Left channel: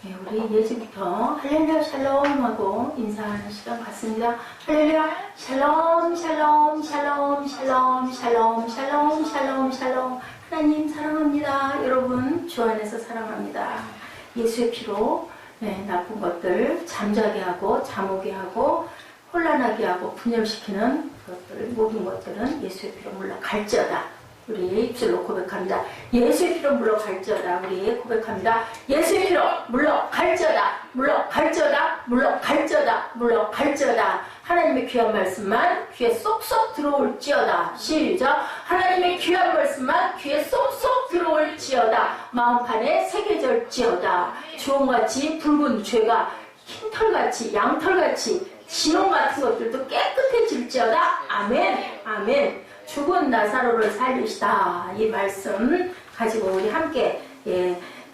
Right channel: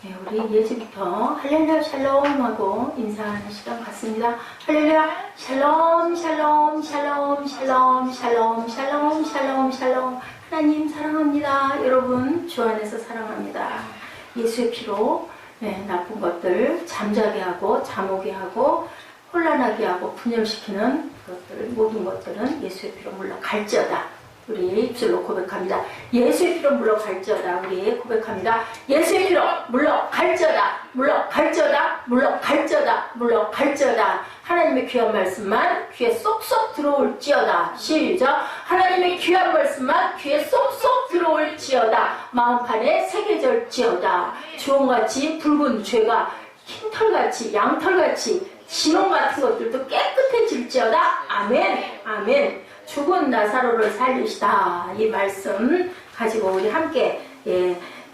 네, 우리 예주부터 할렐루야 샬롬 하고 인사하는 시간 같습니다. 할렐루야 샬롬 샬롬 샬롬 샬롬 샬롬 샬롬 샬롬 샬롬. 하나님 사랑합니다. 여러분 주 안에서 사랑합니다. 예수의 피로 나쁜 것들 잠자게 하고 잠오게 하고 혼란하게 하고 분열시키는 것들, 모든 것들은 예수의 피로 물러갈지어다. 우리 입술로 고백합니다. 예수의 피로 물러갈지어다. 우리 고백합니다. 예수의 피로 물러갈지어다. 물러갈지어다. 물러갈지어다. 물러갈지어다. 하나님의 귀한 말씀만 귀에 쏙쏙 들어올지어다. 시작. 하나님의 귀한 말씀만 귀에 쏙쏙 들어올지어다. 마음판에 새겨질지어다. 주홍같이 붉은 죄가 흰털같이 양털같이 진홍 같은 것들도 깨끗해질지어다. 아멘. 아멘. 죽은 나사로를 살리시다. 이 말씀 가지고 우리 함께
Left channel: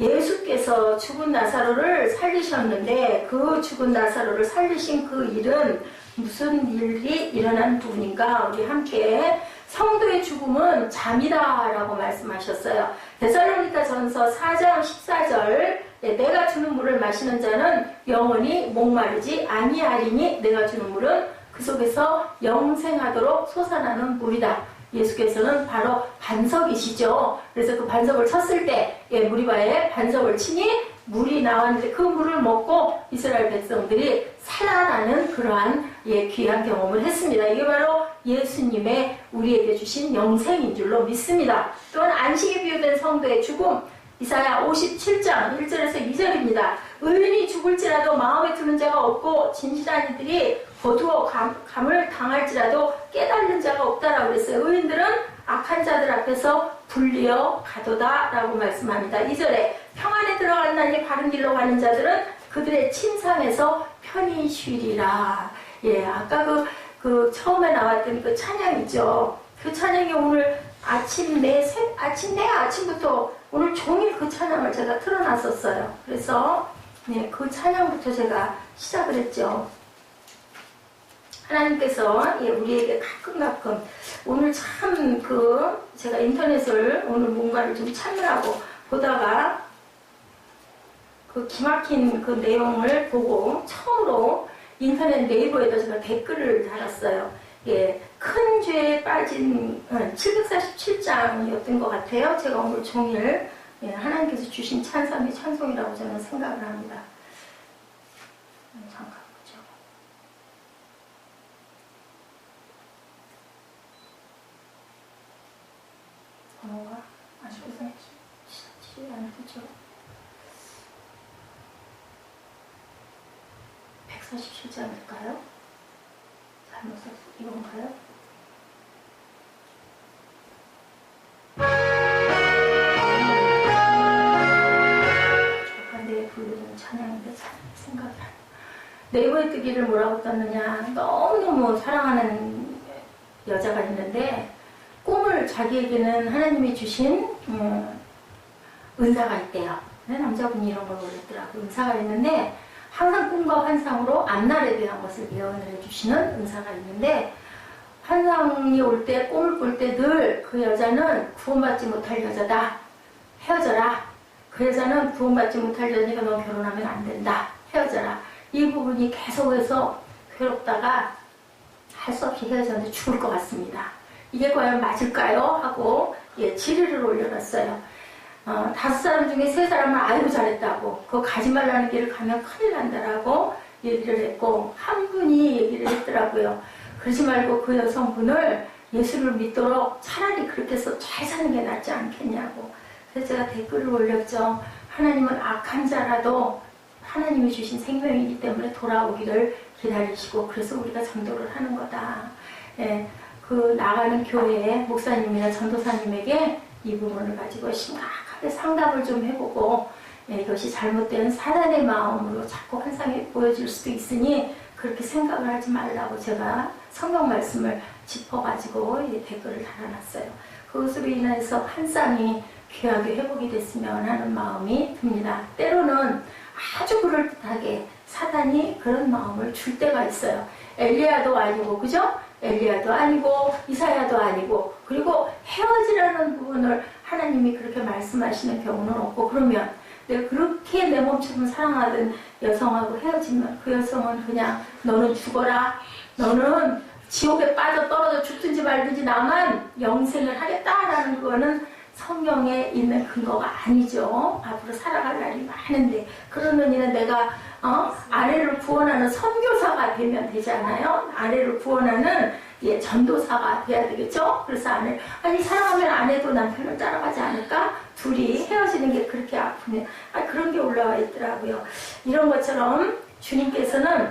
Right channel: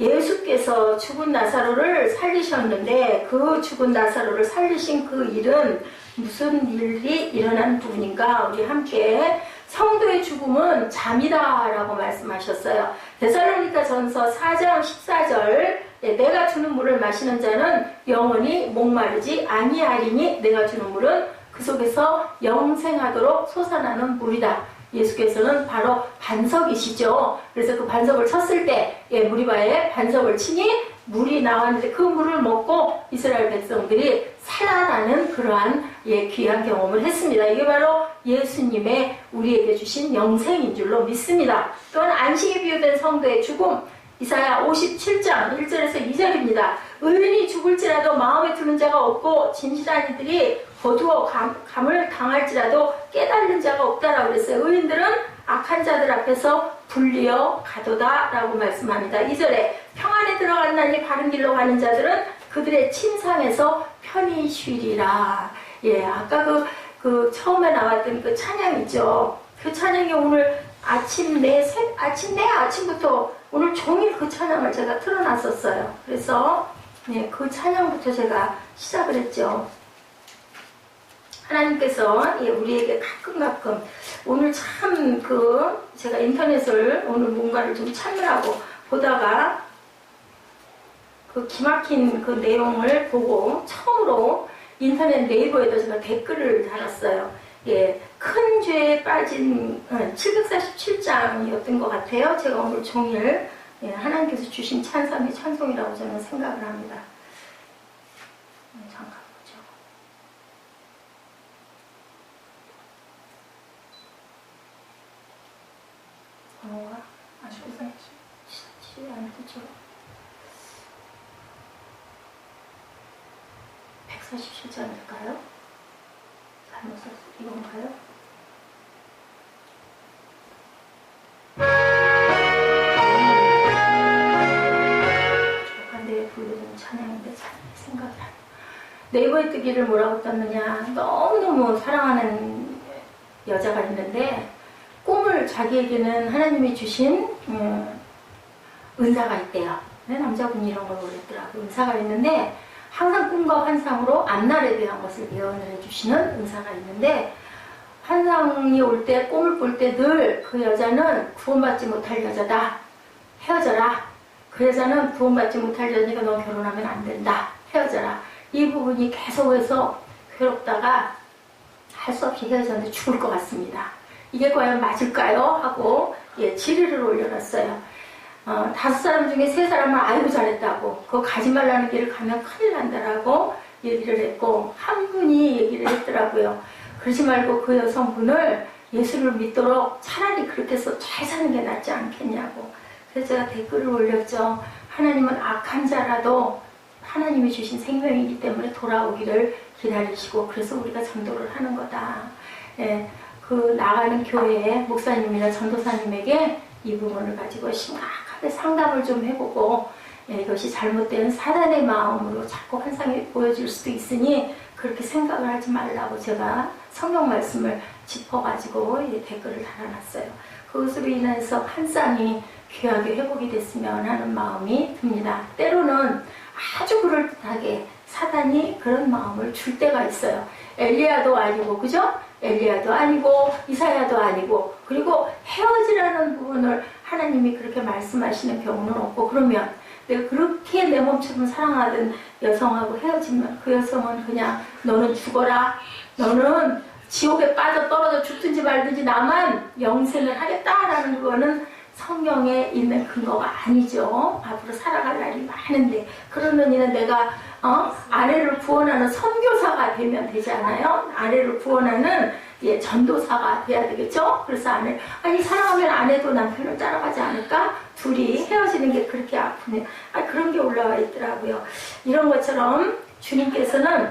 예수께서 죽은 나사로를 살리셨는데 그 죽은 나사로를 살리신 그 일은 무슨 일이 일어난 부분인가? 우리 함께 성도의 죽음은 잠이다 라고 말씀하셨어요. 데살로니가 전서 4장 14절 내가 주는 물을 마시는 자는 영원히 목마르지 아니하리니 내가 주는 물은 그 속에서 영생하도록 솟아나는 물이다. 예수께서는 바로 반석이시죠. 그래서 그 반석을 쳤을 때 무리바에 반석을 치니 물이 나왔는데 그 물을 먹고 이스라엘 백성들이 살아나는 그러한 귀한 경험을 했습니다. 이게 바로 예수님의 우리에게 주신 영생인 줄로 믿습니다. 또한 안식에 비유된 성도의 죽음 이사야 57장 1절에서 2절입니다. 의인이 죽을지라도 마음에 두는 자가 없고 진실한 이들이 거두어 감을 당할지라도 깨달는 자가 없다라고 그랬어요. 의인들은 악한 자들 앞에서 불리어 가도다 라고 말씀합니다. 2절에 평안에 들어갔나니 바른 길로 가는 자들은 그들의 침상에서 편히 쉬리라. 아까 그 처음에 나왔던 그 찬양이죠. 그 찬양이 오늘 아침부터 오늘 종일 그 찬양을 제가 틀어놨었어요. 그래서 그 찬양부터 제가 시작을 했죠. 하나님께서 우리에게 가끔 오늘 참 제가 인터넷을 오늘 뭔가를 좀 찾느라고 보다가 그 기막힌 그 내용을 보고 처음으로 인터넷 네이버에다 제가 댓글을 달았어요. 큰 죄에 빠진 747장이었던 것 같아요. 제가 오늘 종일 하나님께서 주신 찬송이 찬송이라고 저는 생각을 합니다. 잠깐 보죠. 번호가 아주 이상하지 안 되죠. 147장일까요? 잘못 썼어. 이건가요? 조간대에 부르는 찬양인데 잘 생각이 안 나요. 네이버에 뜨기를 뭐라고 떴느냐. 너무너무 사랑하는 여자가 있는데 꿈을 자기에게는 하나님이 주신 은사가 있대요. 남자분이 이런 걸 올렸더라고요. 은사가 있는데 항상 꿈과 환상으로 앞날에 대한 것을 예언을 해주시는 은사가 있는데 환상이 올 때 꿈을 꿀 때 늘 그 여자는 구원받지 못할 여자다. 헤어져라. 그 여자는 구원받지 못할 여자니까 너 결혼하면 안 된다. 헤어져라. 이 부분이 계속해서 괴롭다가 할 수 없이 헤어졌는데 죽을 것 같습니다. 이게 과연 맞을까요? 하고 질의를 올려놨어요. 5사람 중에 3사람은 아이고 잘했다고 그거 가지 말라는 길을 가면 큰일 난다라고 얘기를 했고 한 분이 얘기를 했더라고요. 그러지 말고 그 여성분을 예수를 믿도록 차라리 그렇게 해서 잘 사는 게 낫지 않겠냐고. 그래서 제가 댓글을 올렸죠. 하나님은 악한 자라도 하나님이 주신 생명이기 때문에 돌아오기를 기다리시고 그래서 우리가 전도를 하는 거다. 그 나가는 교회의 목사님이나 전도사님에게 이 부분을 가지고 심각하게 상담을 좀 해보고 이것이 잘못된 사단의 마음으로 자꾸 환상이 보여질 수도 있으니 그렇게 생각을 하지 말라고 제가 성경 말씀을 짚어가지고 댓글을 달아놨어요. 그것으로 인해서 환상이 귀하게 회복이 됐으면 하는 마음이 듭니다. 때로는 아주 그럴듯하게 사단이 그런 마음을 줄 때가 있어요. 엘리야도 아니고 그죠? 엘리야도 아니고 이사야도 아니고 그리고 헤어지라는 부분을 하나님이 그렇게 말씀하시는 경우는 없고, 그러면 내가 그렇게 내 몸처럼 사랑하던 여성하고 헤어지면 그 여성은 그냥 너는 죽어라, 너는 지옥에 빠져 떨어져 죽든지 말든지 나만 영생을 하겠다라는 거는 성경에 있는 근거가 아니죠. 앞으로 살아갈 날이 많은데, 그러느니는 내가 아내를 구원하는 선교사가 되면 되잖아요. 아내를 구원하는 전도사가 돼야 되겠죠. 그래서 사랑하면 아내도 남편을 따라가지 않을까? 둘이 헤어지는 게 그렇게 아프네. 그런 게 올라와 있더라고요. 이런 것처럼 주님께서는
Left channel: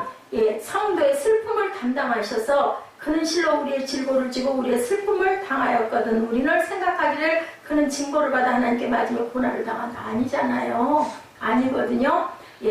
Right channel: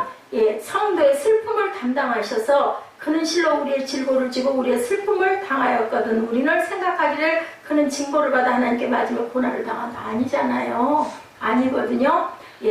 성도의 슬픔을 담당하셔서 그는 실로 우리의 질고를 지고 우리의 슬픔을 당하였거든. 우리는 생각하기를 그는 징벌을 받아 하나님께 맞으며 고난을 당한다. 아니잖아요. 아니거든요.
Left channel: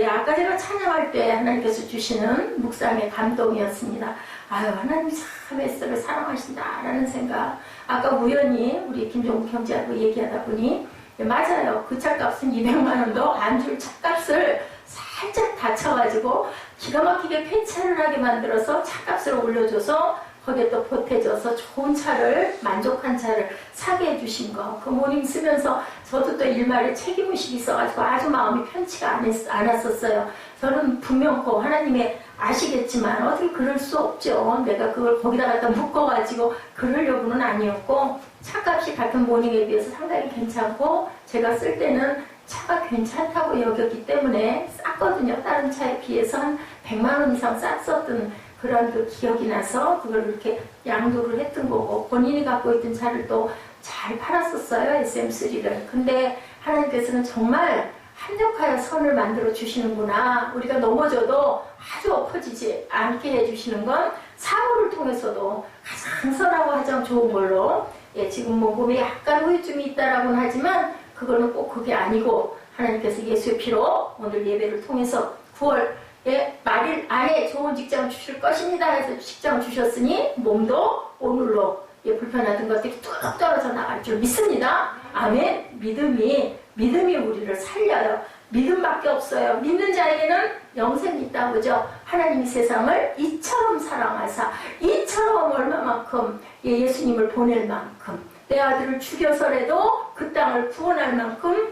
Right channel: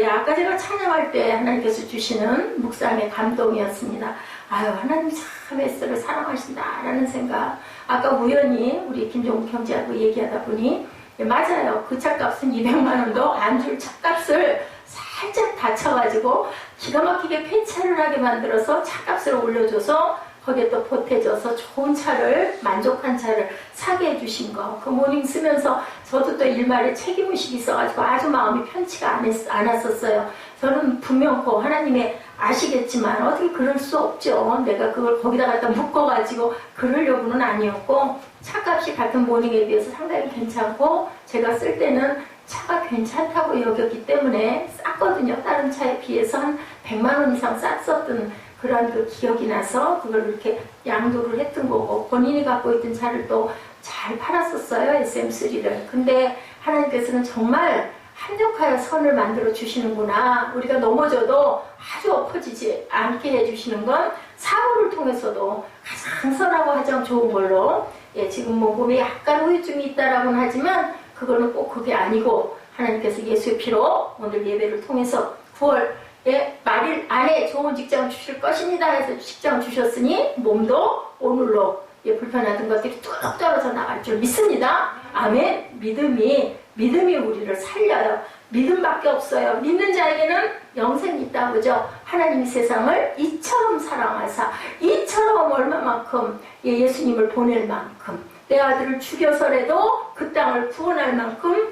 아까 제가 찬양할 때 하나님께서 주시는 묵상의 감동이었습니다. 하나님 참 에스더를 사랑하신다라는 생각. 아까 우연히 우리 김종국 형제하고 얘기하다 보니 맞아요. 그 차값은 200만 원도 안 줄 차값을 살짝 다쳐가지고 기가 막히게 쾌차를 하게 만들어서 차값을 올려줘서 거기에 또 보태줘서 좋은 차를, 만족한 차를 사게 해주신 거. 그 모닝 쓰면서 저도 또 일말에 책임의식이 있어가지고 아주 마음이 편치가 않았었어요. 저는 분명 하나님의 아시겠지만 어떻게 그럴 수 없죠. 내가 그걸 거기다 갖다 묶어가지고 그러려고는 아니었고, 차값이 같은 모닝에 비해서 상당히 괜찮고, 제가 쓸 때는 차가 괜찮다고 여겼기 때문에 쌌거든요. 다른 차에 비해서 한 100만 원 이상 쌌었던 그런 그 기억이 나서 그걸 이렇게 양도를 했던 거고, 본인이 갖고 있던 차를 또 잘 팔았었어요. SM3를. 근데 하나님께서는 정말 합력하여 선을 만들어 주시는구나. 우리가 넘어져도 아주 엎어지지 않게 해주시는 건 사고를 통해서도 가장 선하고 가장 좋은 걸로, 지금 몸에 약간 후유증이 있다라고는 하지만 그거는 꼭 그게 아니고, 하나님께서 예수의 피로 오늘 예배를 통해서 9월에 말일 안에 좋은 직장 주실 것입니다 해서 직장 주셨으니 몸도 오늘로 불편하던 것들이 뚝 떨어져 나갈 줄 믿습니다. 아멘. 믿음이 우리를 살려요. 믿음밖에 없어요. 믿는 자에게는 영생이 있다고 그죠? 하나님이 세상을 이처럼 사랑하사, 이처럼 얼마만큼 예수님을 보낼 만큼, 내 아들을 죽여서라도 그 땅을 구원할 만큼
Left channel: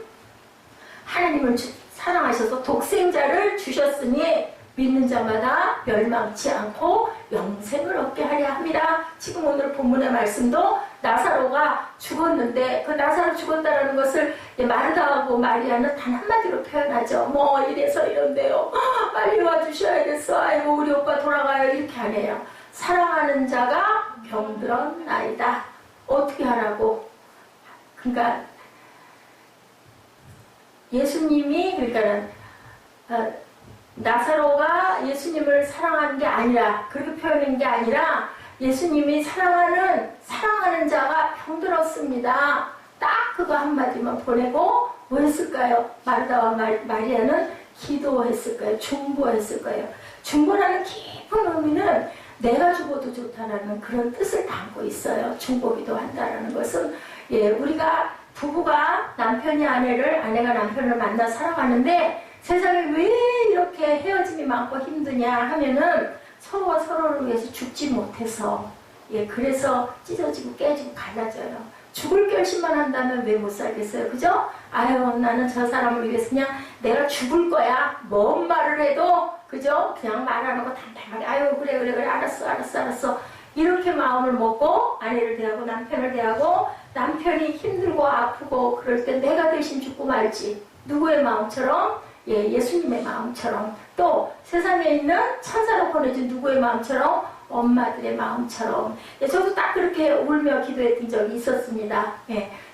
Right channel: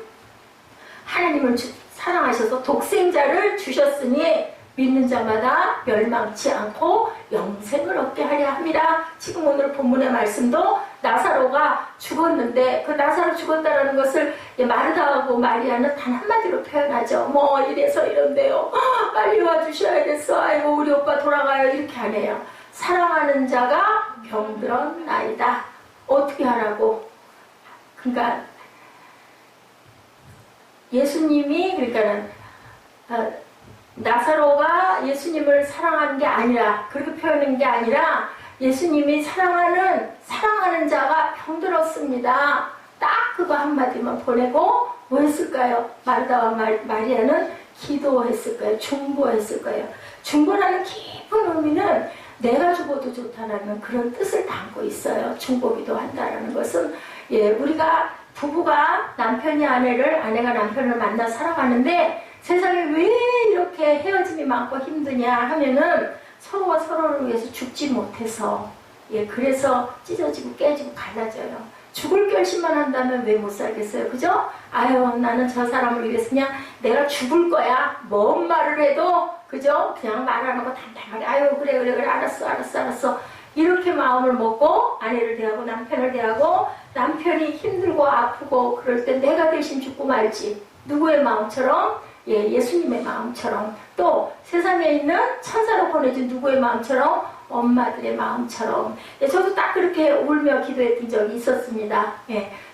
하나님을 사랑하셔서 독생자를 주셨으니 믿는 자마다 멸망치 않고 영생을 얻게 하려 합니다. 지금 오늘 본문의 말씀도 나사로가 죽었는데, 그 나사로 죽었다라는 것을 마르다하고 마리아는 단 한마디로 표현하죠. 뭐 이래서 이런데요, 빨리 와주셔야겠어, 아이고 우리 오빠 돌아가요, 이렇게 안 해요. 사랑하는 자가 병들었나이다. 어떻게 하라고? 그러니까 예수님이, 그러니까는 나사로가 예수님을 사랑하는 게 아니라, 그렇게 표현한 게 아니라, 예수님이 사랑하는 자가 병들었습니다. 딱 그거 한마디만 보내고 뭐 했을까요? 마르다와 마리아는 기도했을까요? 중보했을까요? 중보라는 깊은 의미는 내가 죽어도 좋다라는 그런 뜻을 담고 있어요. 중보기도 한다라는 것은, 우리가 부부가 남편이 아내가 남편을 만나 살아가는데 세상에 왜 이렇게 헤어짐이 많고 힘드냐 하면은 서로가 서로를 위해서 죽지 못해서, 그래서 찢어지고 깨지고 갈라져요. 죽을 결심만 한다면 왜 못 살겠어요? 그죠? 나는 저 사람을 위해서 그냥 내가 죽을 거야. 뭔 말을 해도, 그죠? 그냥 말하는 거 단단하게, 그래, 알았어. 이렇게 마음을 먹고 아내를 대하고 남편을 대하고, 남편이 힘들고 아프고 그럴 때 내가 대신 죽고 말지. 누구의 마음처럼? 예수님의 마음처럼, 또 세상에 있는 천사로 보내준 누구의 마음처럼? 엄마들의 마음처럼. 저도 딱 그렇게 울며 기도했던 적이 있었습니다.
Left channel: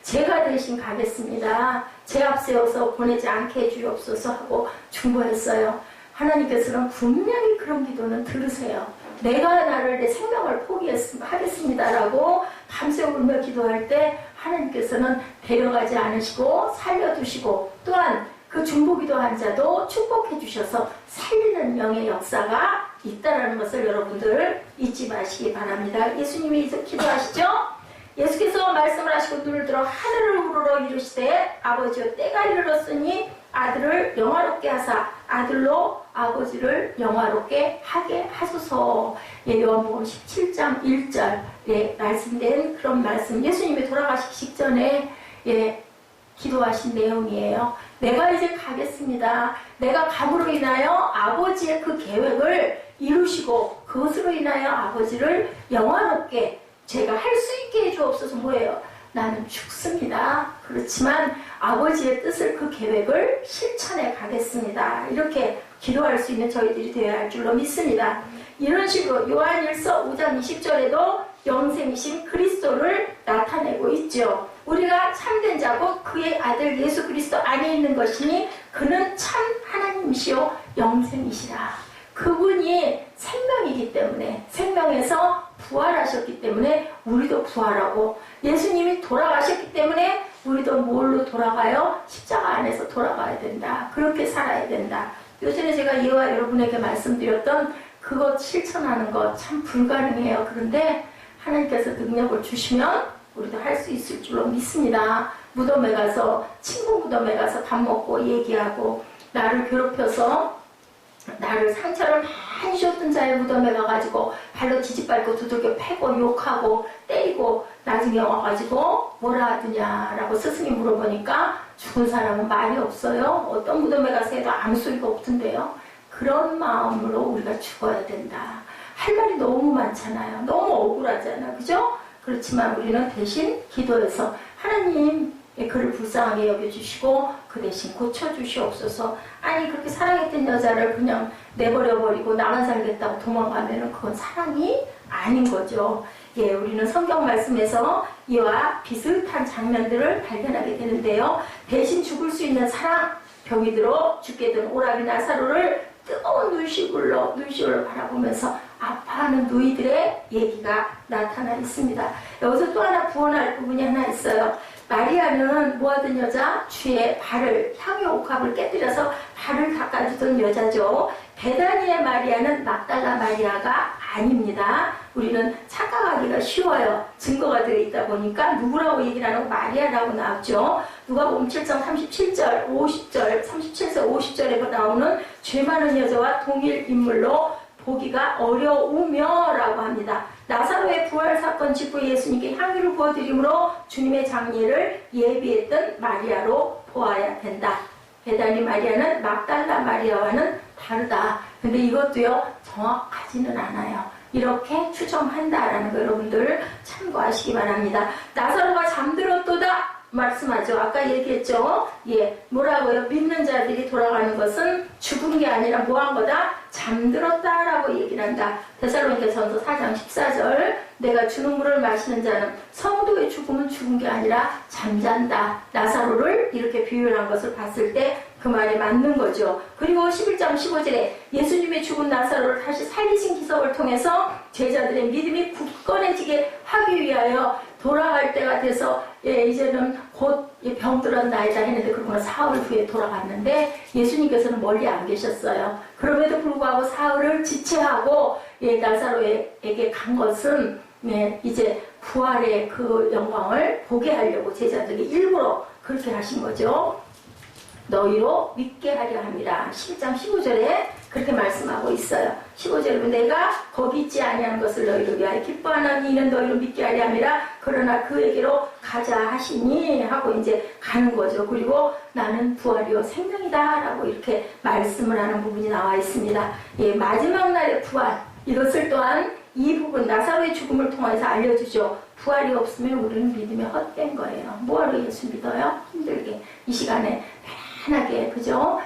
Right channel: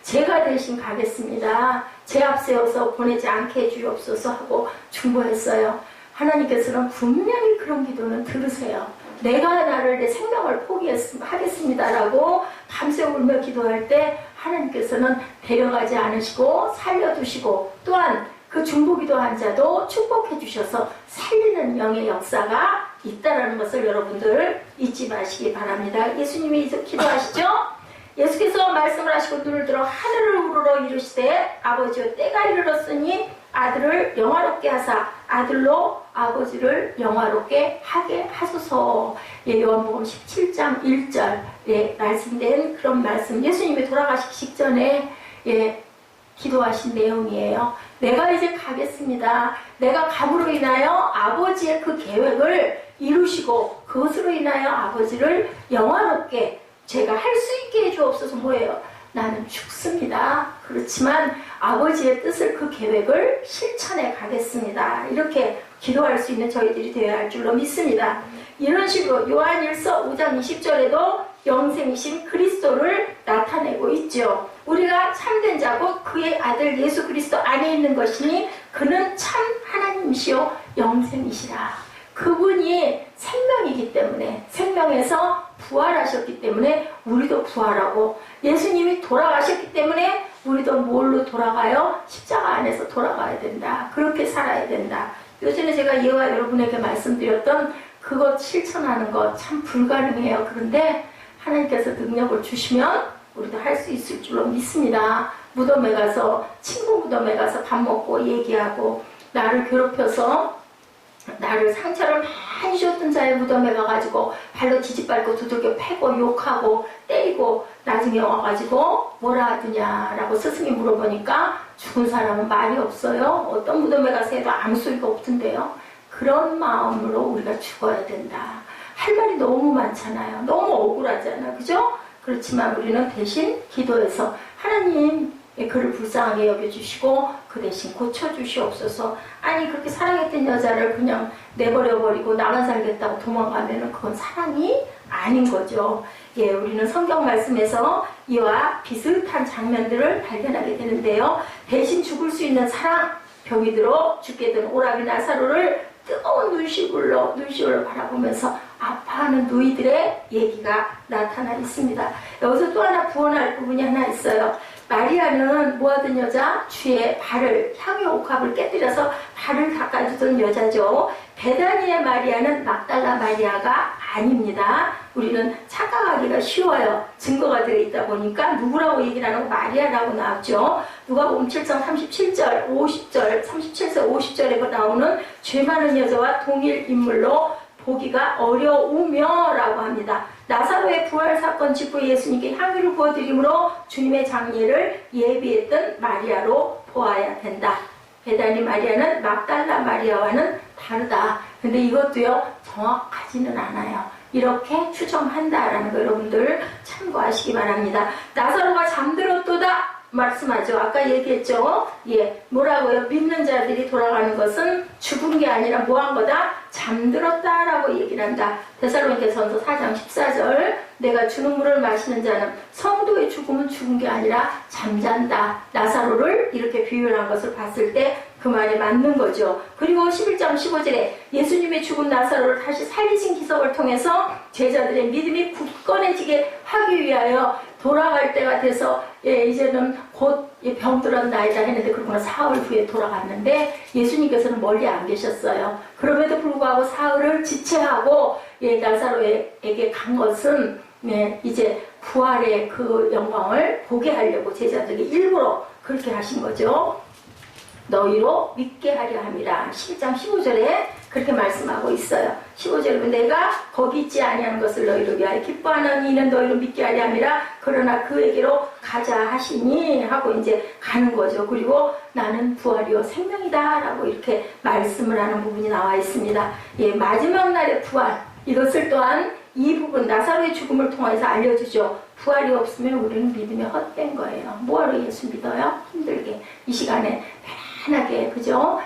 제가 대신 가겠습니다. 제 앞세워서 보내지 않게 해주옵소서 하고 중보했어요. 하나님께서는 분명히 그런 기도는 들으세요. 내가 내 생명을 포기하겠습니다라고 밤새 울며 기도할 때 하나님께서는 데려가지 않으시고 살려두시고, 또한 그 중보기도한 자도 축복해 주셔서 살리는 영의 역사가 있다는 것을 여러분들 잊지 마시기 바랍니다. 예수님이 기도하시죠? 예수께서 말씀을 하시고 눈을 들어 하늘을 우러러 이르시되, 아버지여 때가 이르렀으니 아들을 영화롭게 하사 아들로 아버지를 영화롭게 하게 하소서. 요한복음 17장 1절에 말씀된 그런 말씀, 예수님이 돌아가시기 직전에 기도하신 내용이에요. 내가 이제 가겠습니다. 내가 감으로 인하여 아버지의 그 계획을 이루시고 그것으로 인하여 아버지를 영화롭게 제가 할 수 있게 해주옵소서. 뭐예요? 나는 죽습니다. 그렇지만 아버지의 뜻을 그 계획을 실천해 가겠습니다. 이렇게 기도할 수 있는 저희들이 되어야 할 줄로 믿습니다. 이런 식으로 요한일서 5장 20절에도 영생이신 그리스도를 나타내고 있죠. 우리가 참된 자고 그의 아들 예수 그리스도 안에 있는 것이니 그는 참 하나님이시요 영생이시라. 그분이 생명이기 때문에, 생명에서 부활하셨기 때문에 우리도 부활하고, 예수님이 돌아가셨기 때문에 우리도 뭘로 돌아가요? 십자가 안에서 돌아가야 된다. 그렇게 살아야 된다. 요즘에 제가 예와 여러분에게 말씀드렸던 그것 실천하는 것 참 불가능해요. 그런데 하나님께서 능력을 주시면 우리도 할 수 있을 줄로 믿습니다. 무덤에 가서, 친구 무덤에 가서 밥 먹고 얘기하고, 나를 괴롭혀서 나를 상처를 많이 줬던 자의 무덤에 가가지고 발로 지지밟고 두들겨 패고 욕하고 때리고 나중에 와가지고 뭐라 하더냐라고 스승이 물어보니까 죽은 사람은 말이 없어요. 어떤 무덤에 가서 해도 아무 소리가 없던데요. 그런 마음으로 우리가 죽어야 된다. 할 말이 너무 많잖아요. 너무 억울하잖아요. 그죠? 그렇지만 우리는 대신 기도해서 하나님 그를 불쌍하게 여겨주시고 그 대신 고쳐주시옵소서. 아니 그렇게 사랑했던 여자를 그냥 내버려버리고 나만 살겠다고 도망가면은 그건 사랑이 아닌 거죠. 우리는 성경 말씀에서 이와 비슷한 장면들을 발견하게 되는데요. 대신 죽을 수 있는 사랑, 병이 들어 죽게 된 오라비 나사로를 뜨거운 눈시울로 바라보면서 아파하는 누이들의 얘기가 나타나 있습니다. 여기서 또 하나 부언할 부분이 하나 있어요. 마리아는 뭐하던 여자? 주의 발을, 향유 옥합을 깨뜨려서 발을 닦아주던 여자죠. 베다니의 마리아는 막달라 마리아가 아닙니다. 우리는 착각하기가 쉬워요. 증거가 들어있다 보니까 누구라고 얘기를 안 하고 마리아라고 나왔죠. 누가복음 7장 37절, 50절, 37절, 50절에 나오는 죄 많은 여자와 동일 인물로 보기가 어려우며 라고 합니다. 나사로의 부활 사건 직후에 예수님께 향유를 부어드림으로 주님의 장례를 예비했던 마리아로 보아야 된다. 베다니 마리아는 막달라 마리아와는 다르다. 근데 이것도요 정확하지는 않아요. 이렇게 추정한다라는 거 여러분들 참고하시기 바랍니다. 나사로가 잠들었도다 말씀하죠. 아까 얘기했죠. 뭐라고요? 믿는 자들이 돌아가는 것은 죽은 게 아니라 뭐한 거다? 잠들었다라고 얘기를 한다. 데살로니가전서 4장 14절 내가 주는 물을 마시는 자는 성도의 죽음은 죽은 게 아니라 잠잔다. 나사로를 이렇게 비유한 것을 봤을 때 그 말이 맞는 거죠. 그리고 11장 15절에 예수님의 죽은 나사로를 다시 살리신 기적을 통해서 제자들의 믿음이 굳건해지게 하기 위하여 돌아갈 때가 돼서 이제는 곧 병들었나이다 했는데 그러고 사흘 후에 돌아갔는데 예수님께서는 멀리 안 계셨어요. 그럼에도 불구하고 사흘을 지체하고 나사로에게 간 것은 이제 부활의 그 영광을 보게 하려고 제자들이 일부러 그렇게 하신 거죠. 너희로 믿게 하려 함이라. 11장 15절에 그렇게 말씀하고 있어요. 15절에 내가 거기 있지 아니하는 것을 너희로 위하여 기뻐하는 이는 너희로 믿게 하려 함이라. 그러나 그에게로 가자 하시니 하고 이제 가는 거죠. 그리고 나는 부활이요 생명이다 라고 이렇게 말씀을 하는 부분이 나와 있습니다. 마지막 날의 부활, 이것을 또한 이 부분 나사로의 죽음을 통해서 알려주죠. 부활이 없으면 우리는 믿음이 헛된 거예요. 뭐하러 예수 믿어요? 힘들게 이 시간에 편하게, 그죠?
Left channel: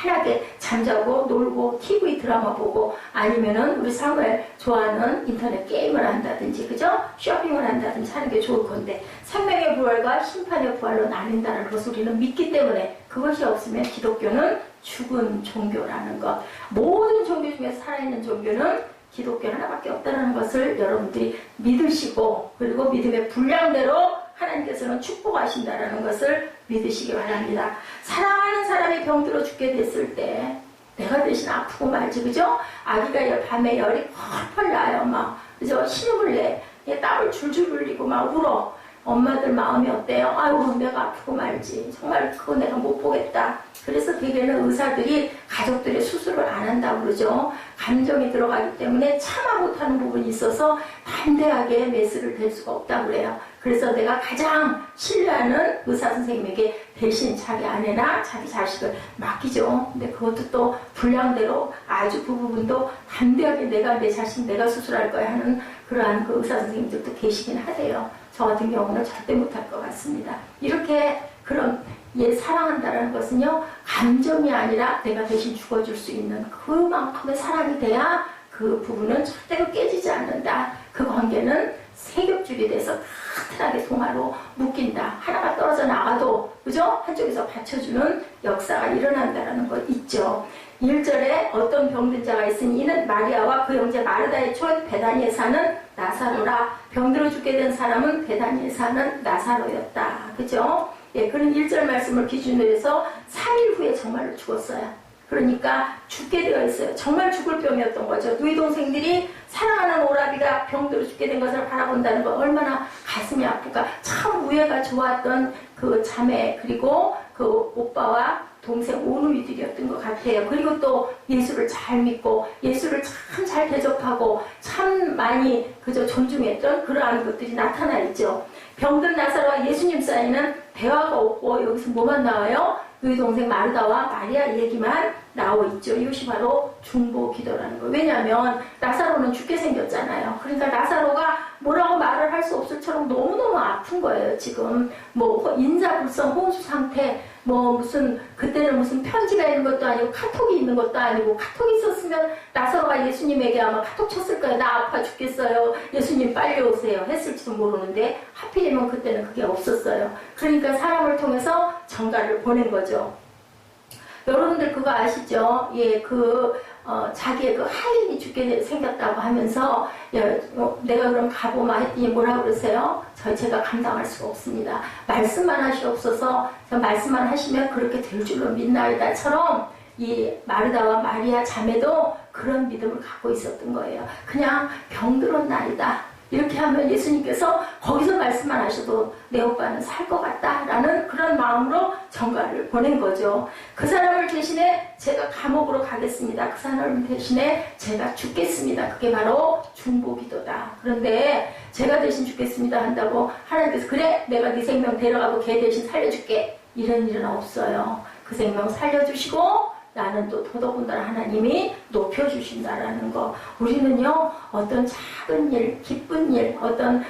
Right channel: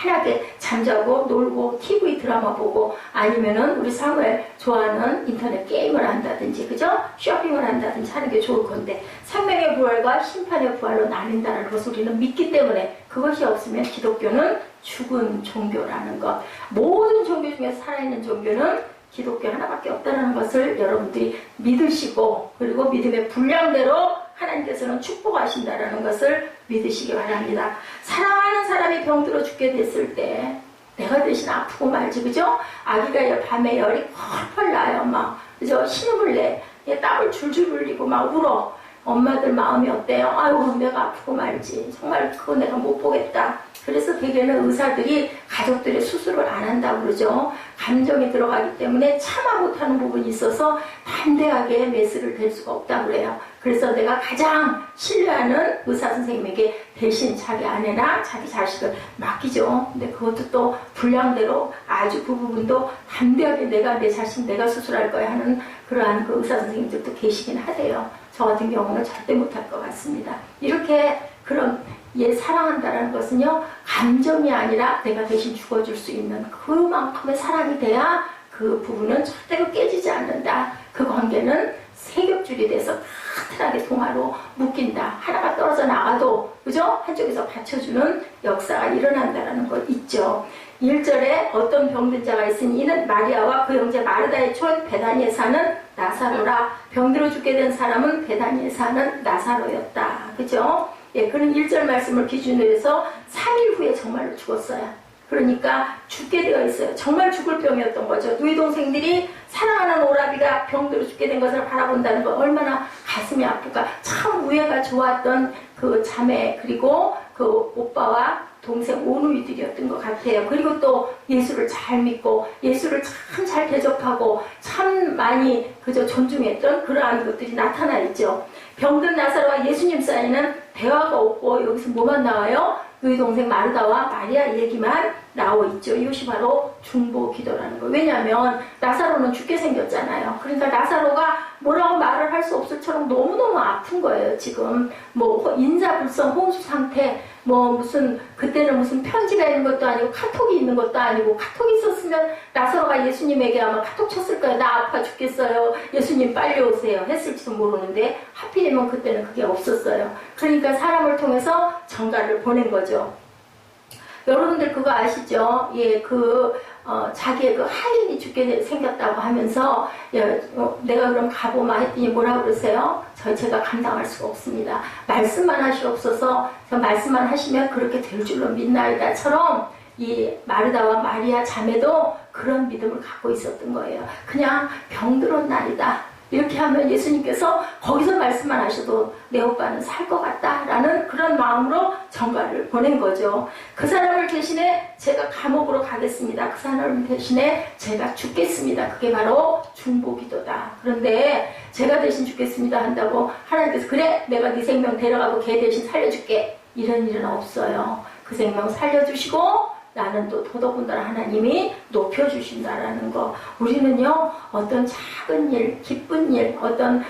편하게 잠자고 놀고 TV 드라마 보고 아니면은 우리 사무엘 좋아하는 인터넷 게임을 한다든지, 그죠? 쇼핑을 한다든지 하는 게 좋을 건데 생명의 부활과 심판의 부활로 나뉜다는 것을 우리는 믿기 때문에 그것이 없으면 기독교는 죽은 종교라는 것. 모든 종교 중에서 살아있는 종교는 기독교 하나밖에 없다는 것을 여러분들이 믿으시고 그리고 믿음의 분량대로 하나님께서는 축복하신다는 것을 믿으시기 바랍니다. 사랑하는 사람이 병들어 죽게 됐을 때 내가 대신 아프고 말지, 그죠? 아기가 밤에 열이 펄펄 나요. 막, 그죠? 신음을 내. 땀을 줄줄 흘리고 막 울어. 엄마들 마음이 어때요? 아유, 내가 아프고 말지. 정말 그거 내가 못 보겠다. 그래서 대개는 의사들이 가족들의 수술을 안 한다고 그러죠. 감정이 들어가기 때문에 참아 못하는 부분이 있어서 담대하게 메스를 댈 수가 없다고 그래요. 그래서 내가 가장 신뢰하는 의사 선생님에게 대신 자기 아내나 자기 자식을 맡기죠. 근데 그것도 또 분량대로 아주 그 부분도 담대하게 내가 내 자신 내가 수술할 거야 하는 그러한 그 의사 선생님들도 계시긴 하대요. 저 같은 경우는 절대 못할 것 같습니다. 이렇게 그런 사랑한다는 것은요, 감정이 아니라 내가 대신 죽어줄 수 있는 그만큼의 사랑이 돼야 그 부분은 절대로 깨지지 않는다. 그 관계는 세겹줄이 돼서 튼튼하게 동화로 묶인다. 하나가 떨어져 나가도, 그죠? 한쪽에서 받쳐주는 역사가 일어난다는 것 있죠. 1절에 어떤 병든 자가 있으니 이는 마리아와 그 형제 마르다의 촌 베다니에 사는 나사로라. 병들어 죽게 된 사람은 베다니에 사는 나사로였다. 그죠? 예, 그런 1절 말씀을 기준으로 해서 3일 후에 정말로 죽었어요. 그러니까 죽게 되어 있어요. 정말 죽을 병이었던 거죠. 누이 동생들이 사랑하는 오라비가 병들어 죽게 된 것을 바라본다는 거 얼마나 가슴이 아플까. 참 우애가 좋았던 그 자매 그리고 그 오빠와 동생 오누이들이었던 것 같아요. 그리고 또 예수를 잘 믿고 예수를 참 잘 대접하고 참 많이 그저 존중했던 그러한 것들이 나타나 있죠. 병든 나사로와 예수님 사이는 대화가 없고 여기서 뭐만 나와요? 너희 동생 마르다와 마리아 얘기만 나와 있죠. 이것이 바로 중보 기도라는 거예요. 왜냐하면 나사로는 죽게 생겼잖아요. 그러니까 나사로가 뭐라고 말을 할 수 없을 처럼 너무너무 아픈 거예요. 지금 뭐 인사불성 혼수 상태, 뭐 무슨 그때는 무슨 편지가 있는 것도 아니고 카톡이 있는 것도 아니고, 카톡이 있었으면 나사로가 예수님에게 아마 카톡 쳤을 거예요. 나 아파 죽겠어요. 예수님 빨리 오세요. 했을지도 모르는데 하필이면 그때는 그게 없었어요. 그러니까 사람을 통해서 전가를 보낸 거죠. 여러분들 그거 아시죠? 예, 자기의 그 하인이 죽게 생겼다고 하면서, 내가 그럼 가보마 했더니 뭐라 그러세요? 제가 감당할 수가 없습니다. 말씀만 하시옵소서. 말씀만 하시면 그렇게 될 줄로 믿나이다처럼 이 마르다와 마리아 자매도 그런 믿음을 갖고 있었던 거예요. 그냥 병들었나이다. 이렇게 하면 예수님께서 거기서 말씀만 하셔도 내 오빠는 살 것 같다라는 그런 마음으로 전가를 보낸 거죠. 그 사람을 대신에 제가 감옥으로 가겠습니다. 그 사람을 대신에 제가 죽겠습니다. 그게 바로 중보기도다. 그런데 제가 대신 죽겠습니다 한다고 하나님께서 그래 내가 네 생명 데려가고 걔 대신 살려줄게, 이런 일은 없어요. 그 생명 살려주시고 나는 또 더더군다나 하나님이 높여주신다라는 거. 우리는요, 어떤 작은 일, 기쁜 일, 어떤,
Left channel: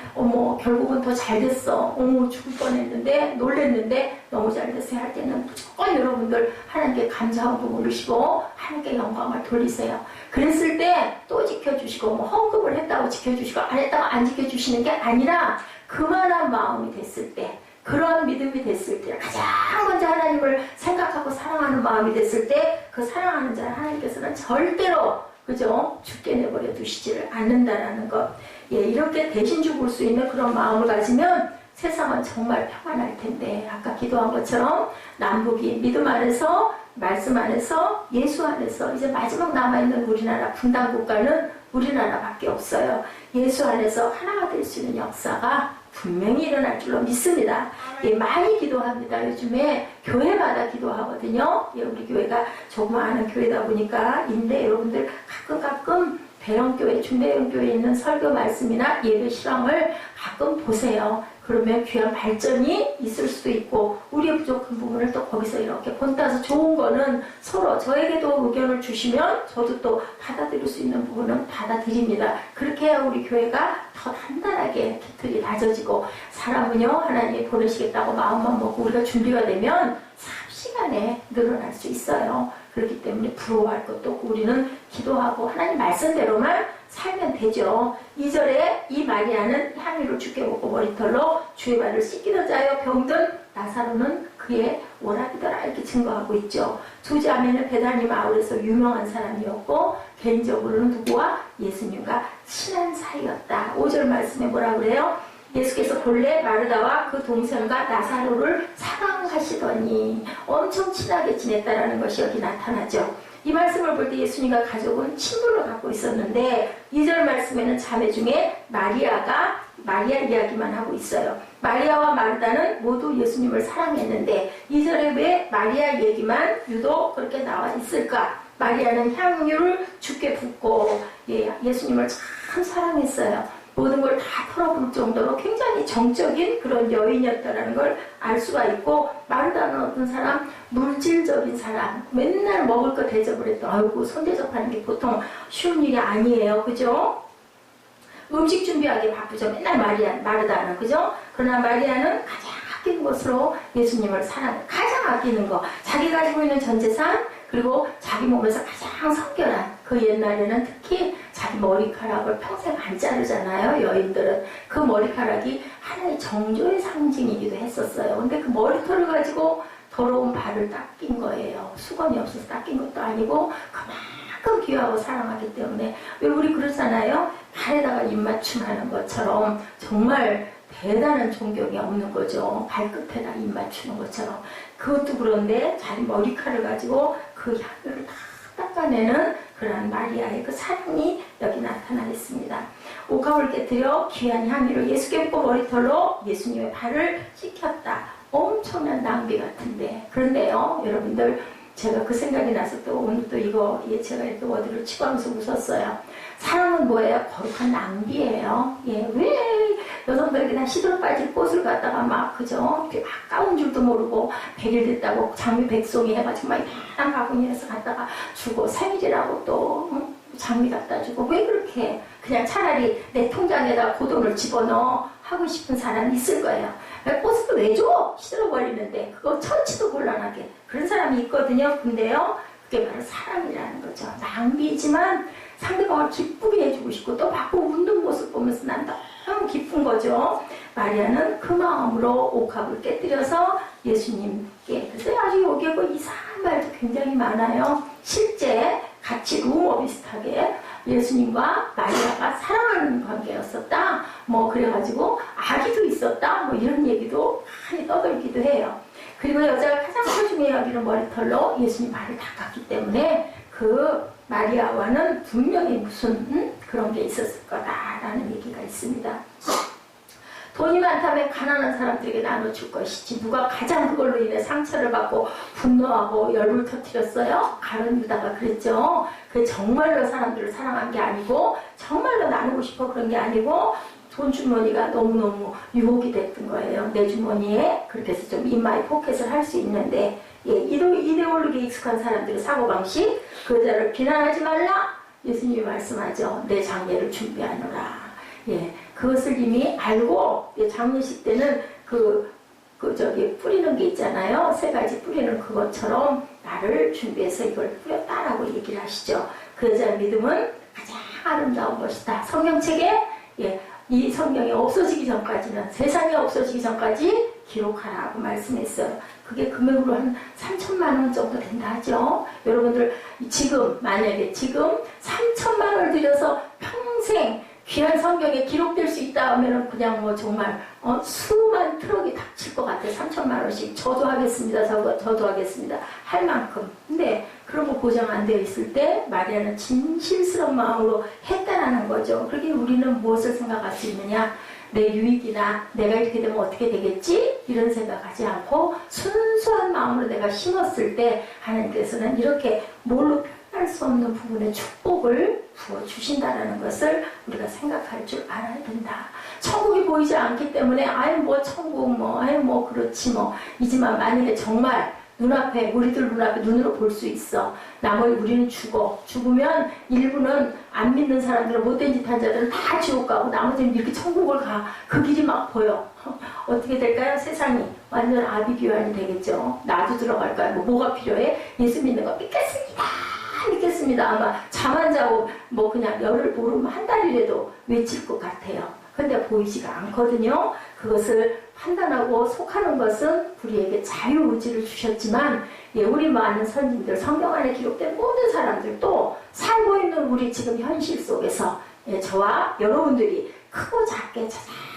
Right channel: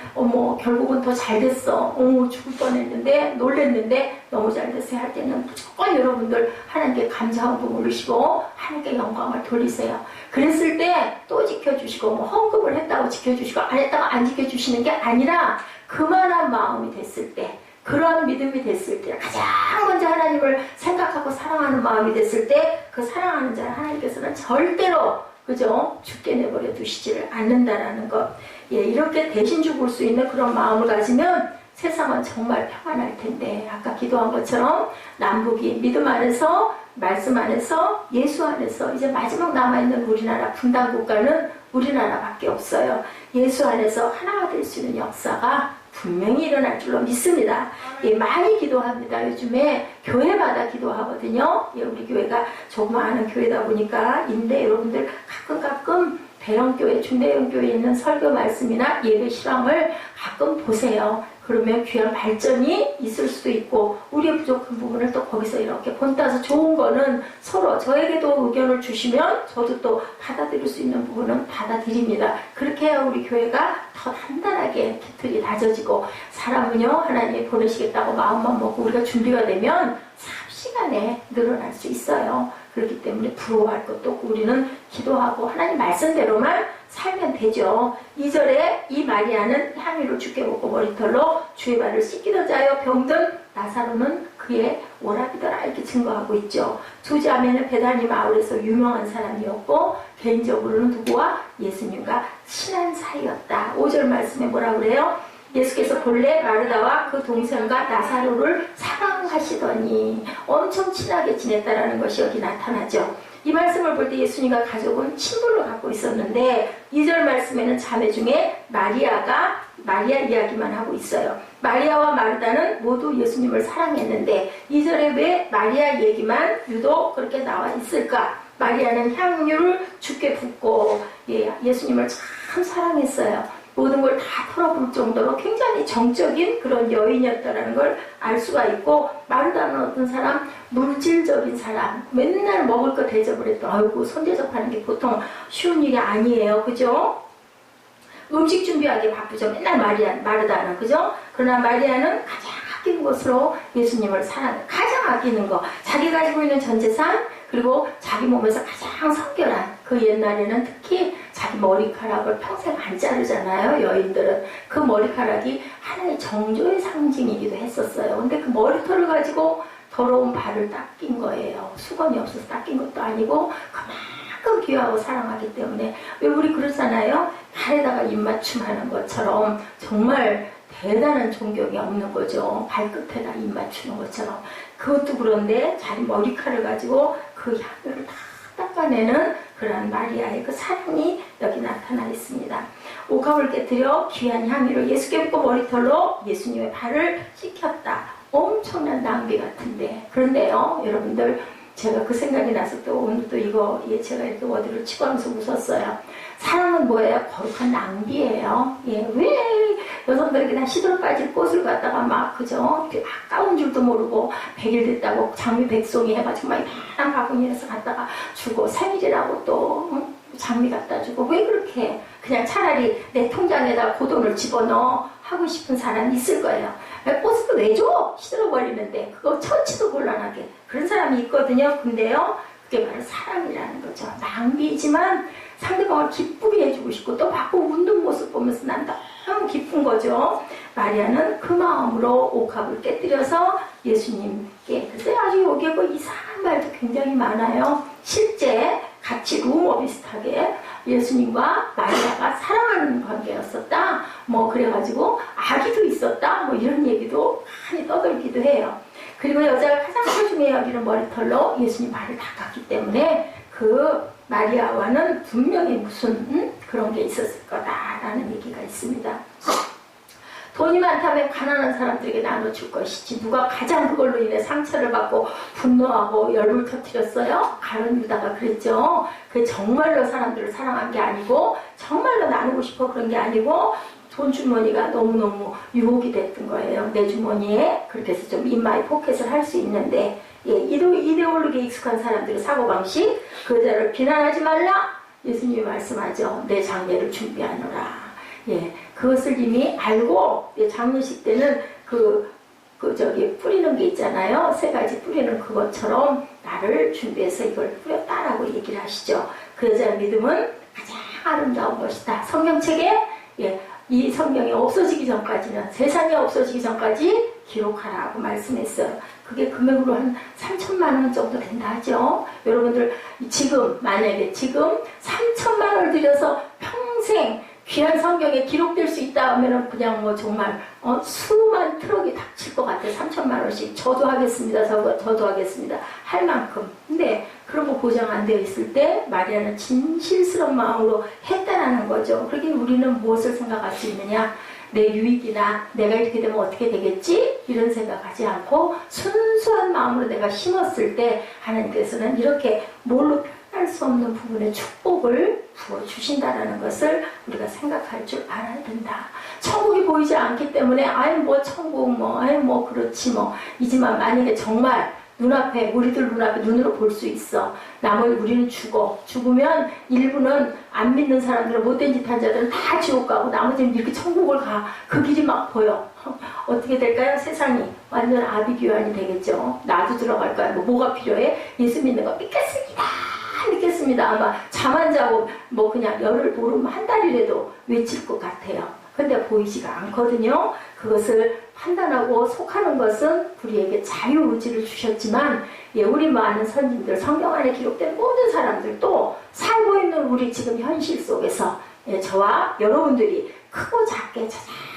결국은 더 잘 됐어. 죽을 뻔했는데, 놀랬는데, 너무 잘 됐어요. 할 때는 무조건 여러분들 하나님께 감사함도 올리시고, 하나님께 영광을 돌리세요. 그랬을 때 또 지켜주시고, 헌금을 했다고 지켜주시고, 안 했다고 안 지켜주시는 게 아니라, 그만한 마음이 됐을 때, 그런 믿음이 됐을 때, 가장 먼저 하나님을 생각하고 사랑하는 마음이 됐을 때, 그 사랑하는 자를 하나님께서는 절대로, 그죠? 죽게 내버려 두시지를 않는다라는 것. 예, 이렇게 대신 죽을 수 있는 그런 마음을 가지면 세상은 정말 평안할 텐데, 아까 기도한 것처럼 남북이 믿음 안에서, 말씀 안에서, 예수 안에서, 이제 마지막 남아있는 우리나라 분단 국가는 우리나라밖에 없어요. 예수 안에서 하나가 될 수 있는 역사가 분명히 일어날 줄로 믿습니다. 예, 많이 기도합니다. 요즘에 교회마다 기도하거든요. 예, 우리 교회가 조그마한 교회다 보니까 인데 여러분들 가끔 대형교회, 중대형교회에 있는 설교 말씀이나 예배 실황을 가끔 보세요. 그러면 귀한 발전이 있을 수도 있고 우리의 부족한 부분을 또 거기서 이렇게 본따서 좋은 거는 서로 저에게도 의견을 주시면 저도 또 받아들일 수 있는 부분은 받아들입니다. 그렇게 해야 우리 교회가 더 단단하게 깃털이 다져지고 사람은요 하나님이 보내시겠다고 마음만 먹고 우리가 준비가 되면 삽시간에 늘어날 수 있어요. 그렇기 때문에 부러워할 것도 없고 우리는 기도하고 하나님 말씀대로만 살면 되죠. 2절에 이 마리아는 향유를 주께 먹고 머리털로 주의 발을 씻기던 자여 병든 나사로는 그의 오라비더라 이렇게 증거하고 있죠. 두 자매는 베다니 마을에서 유명한 사람이었고 개인적으로는 누구와 예수님과 친한 사이였다. 5절 말씀에 뭐라 그래요? 예수께서 본래 마르다와 그 동생과 나사로를 사랑하시더니 엄청 친하게 지냈다라는 것이 여기 나타나죠. 이 말씀을 볼 때 예수님과 가족은 친분을 갖고 있었는데 2절 말씀에는 자매 중에 마리아 이야기만 하고 있어요. 마리아와 마르다는 모두 예수님을 사랑했는데 2절에 왜 마리아 얘기만 유독 그렇게 나와 있을까? 마리아는 향유를 주께 붓고 예수님을 참 사랑했어요. 모든 걸 다 털어볼 정도로 굉장히 정적인 그런 여인이었다는 걸 알 수가 있고, 마르다는 어떤 사람, 물질적인 사람, 맨날 먹을 거 대접을 했던, 아이고 손 대접하는 게 보통 쉬운 일이 아니에요. 그죠? 음식 준비하기 바쁘죠. 맨날 마르다는. 그죠? 그러나 마리아는 가장 아끼는 것으로 예수님을 가장 아끼는 거, 자기 가지고 있는 전 재산, 그리고 자기 몸에서 가장 성결한, 그 옛날에는 특히 자기 머리카락을 평생 안 자르잖아요. 여인들은. 그 머리카락이 하나의 정조의 상징이기도 했었어요. 근데 그 머리털을 가지고 더러운 발을 닦인 거예요. 수건이 없어서 닦인 것도 아니고 그만큼 귀하고 사랑하기 때문에. 왜 우리 그러잖아요. 발에다가 입맞춤 하는 것처럼 정말 대단한 존경이 없는 거죠. 발끝에다 입맞추는 것처럼. 그것도 그런데 자기 머리카락을 가지고 그 향유를 다 닦아내는 그런 마리아의 그 사랑이 여기 나타나 있습니다. 옥합을 깨뜨려 귀한 향유를 예수께 붓고 머리털로 예수님의 발을 씻겼다. 엄청난 낭비 같은데. 그런데요, 여러분들, 제가 그 생각이 나서 또 오늘 또 이거 제가 이렇게 어디를 치고 하면서 웃었어요. 사랑은 뭐예요? 거룩한 낭비예요. 왜 여성들에게 다 시들어 빠질 꽃을 갖다가 막, 그죠? 아까운 줄도 모르고 100일 됐다고 장미 백송이 해가지고 막 이만한 바구니에서 갖다가 주고, 생일이라고 또 장미 갖다 주고. 왜 그렇게 그냥 차라리 내 통장에다 그 돈을 집어넣어 하고 싶은 사람이 있을 거예요. 꽃을 왜 줘? 시들어버리는데. 그거 처치도 곤란하게. 그런 사람이 있거든요. 근데요, 그게 바로 사랑이라는 거죠. 낭비지만 상대방을 기쁘게 해주고 싶고, 또 받고 웃는 모습 보면서 난 너무 기쁜 거죠. 마리아는 그 마음으로 옥합을 깨뜨려서 예수님께. 그래서 아주 여기에 그 이상한 말도 굉장히 많아요. 실제 같이 루머 비슷하게 예수님과 마리아가 사랑하는 관계였었다. 뭐 그래가지고 아기도 있었다. 뭐 이런 얘기도 많이 떠들기도 해요. 그리고 여자가 가장 소중히 여기는 머리털로 예수님 발을 닦았기 때문에 그 마리아와는 분명히 무슨 그런 게 있었을 거다라는 얘기가 있습니다. 돈이 많다면 가난한 사람들에게 나눠줄 것이지, 누가 가장 그걸로 인해 상처를 받고 분노하고 열을 터뜨렸어요? 가룟 유다가 그랬죠. 그게 정말로 사람들을 사랑한 게 아니고, 정말로 나누고 싶어 그런 게 아니고, 돈 주머니가 너무너무 유혹이 됐던 거예요. 내 주머니에. 그렇게 해서 좀 인마이 포켓을 할 수 있는데, 이데올로기에 익숙한 사람들의 사고방식, 그 여자를 비난하지 말라. 예수님이 말씀하죠. 내 장례를 준비하노라. 그것을 이미 알고, 장례식 때는 뿌리는 게 있잖아요. 3가지 뿌리는 그것처럼 나를 준비해서 이걸 뿌렸다라고 얘기를 하시죠. 그 여자의 믿음은 가장 아름다운 것이다. 성경책에, 이 성경이 없어지기 전까지는, 세상이 없어지기 전까지 기록하라고 말씀했어요. 그게 금액으로 한 3천만 원 정도 된다 하죠. 여러분들, 만약에 지금 3천만 원을 들여서 평생 귀한 성경에 기록될 수 있다 하면은 그냥 뭐 정말 수만 트럭이 닥칠 것 같아요. 3천만 원씩. 저도 하겠습니다. 저도 하겠습니다. 할 만큼. 근데 그런 거 보장 안 되어 있을 때 마리아는 진실스러운 마음으로 했다라는 거죠. 그러기에 우리는 무엇을 생각할 수 있느냐? 내 유익이나 내가 이렇게 되면 어떻게 되겠지? 이런 생각하지 않고 순수한 마음으로 내가 심었을 때 하나님께서는 이렇게 뭘로 할 수 없는 부분에 축복을 부어주신다라는 것을 우리가 생각할 줄 알아야 된다. 천국이 보이지 않기 때문에 천국 그렇지 이지만 만약에 정말 우리들 눈앞에 눈으로 볼 수 있어. 나머지 우리는 죽으면 일부는 안 믿는 사람들은 못된 짓 한 자들은 다 지옥 가고 나머지는 이렇게 천국을 가. 그 길이 막 보여. 어떻게 될까요? 세상이 완전 아비규환이 되겠죠. 나도 들어갈까요? 뭐가 필요해? 예수 믿는 거 믿겠습니다. 아마 잠 안 자고 그냥 열흘 보름 한 달이라도 외칠 것 같아요. 근데 보이지가 않거든요. 그것을 판단하고 속하는 것은 우리에게 자유의지를 주셨지만, 우리 많은 선진들, 성경 안에 기록된 모든 사람들도 살고 있는 우리 지금 현실 속에서 저와 여러분들이 크고 작게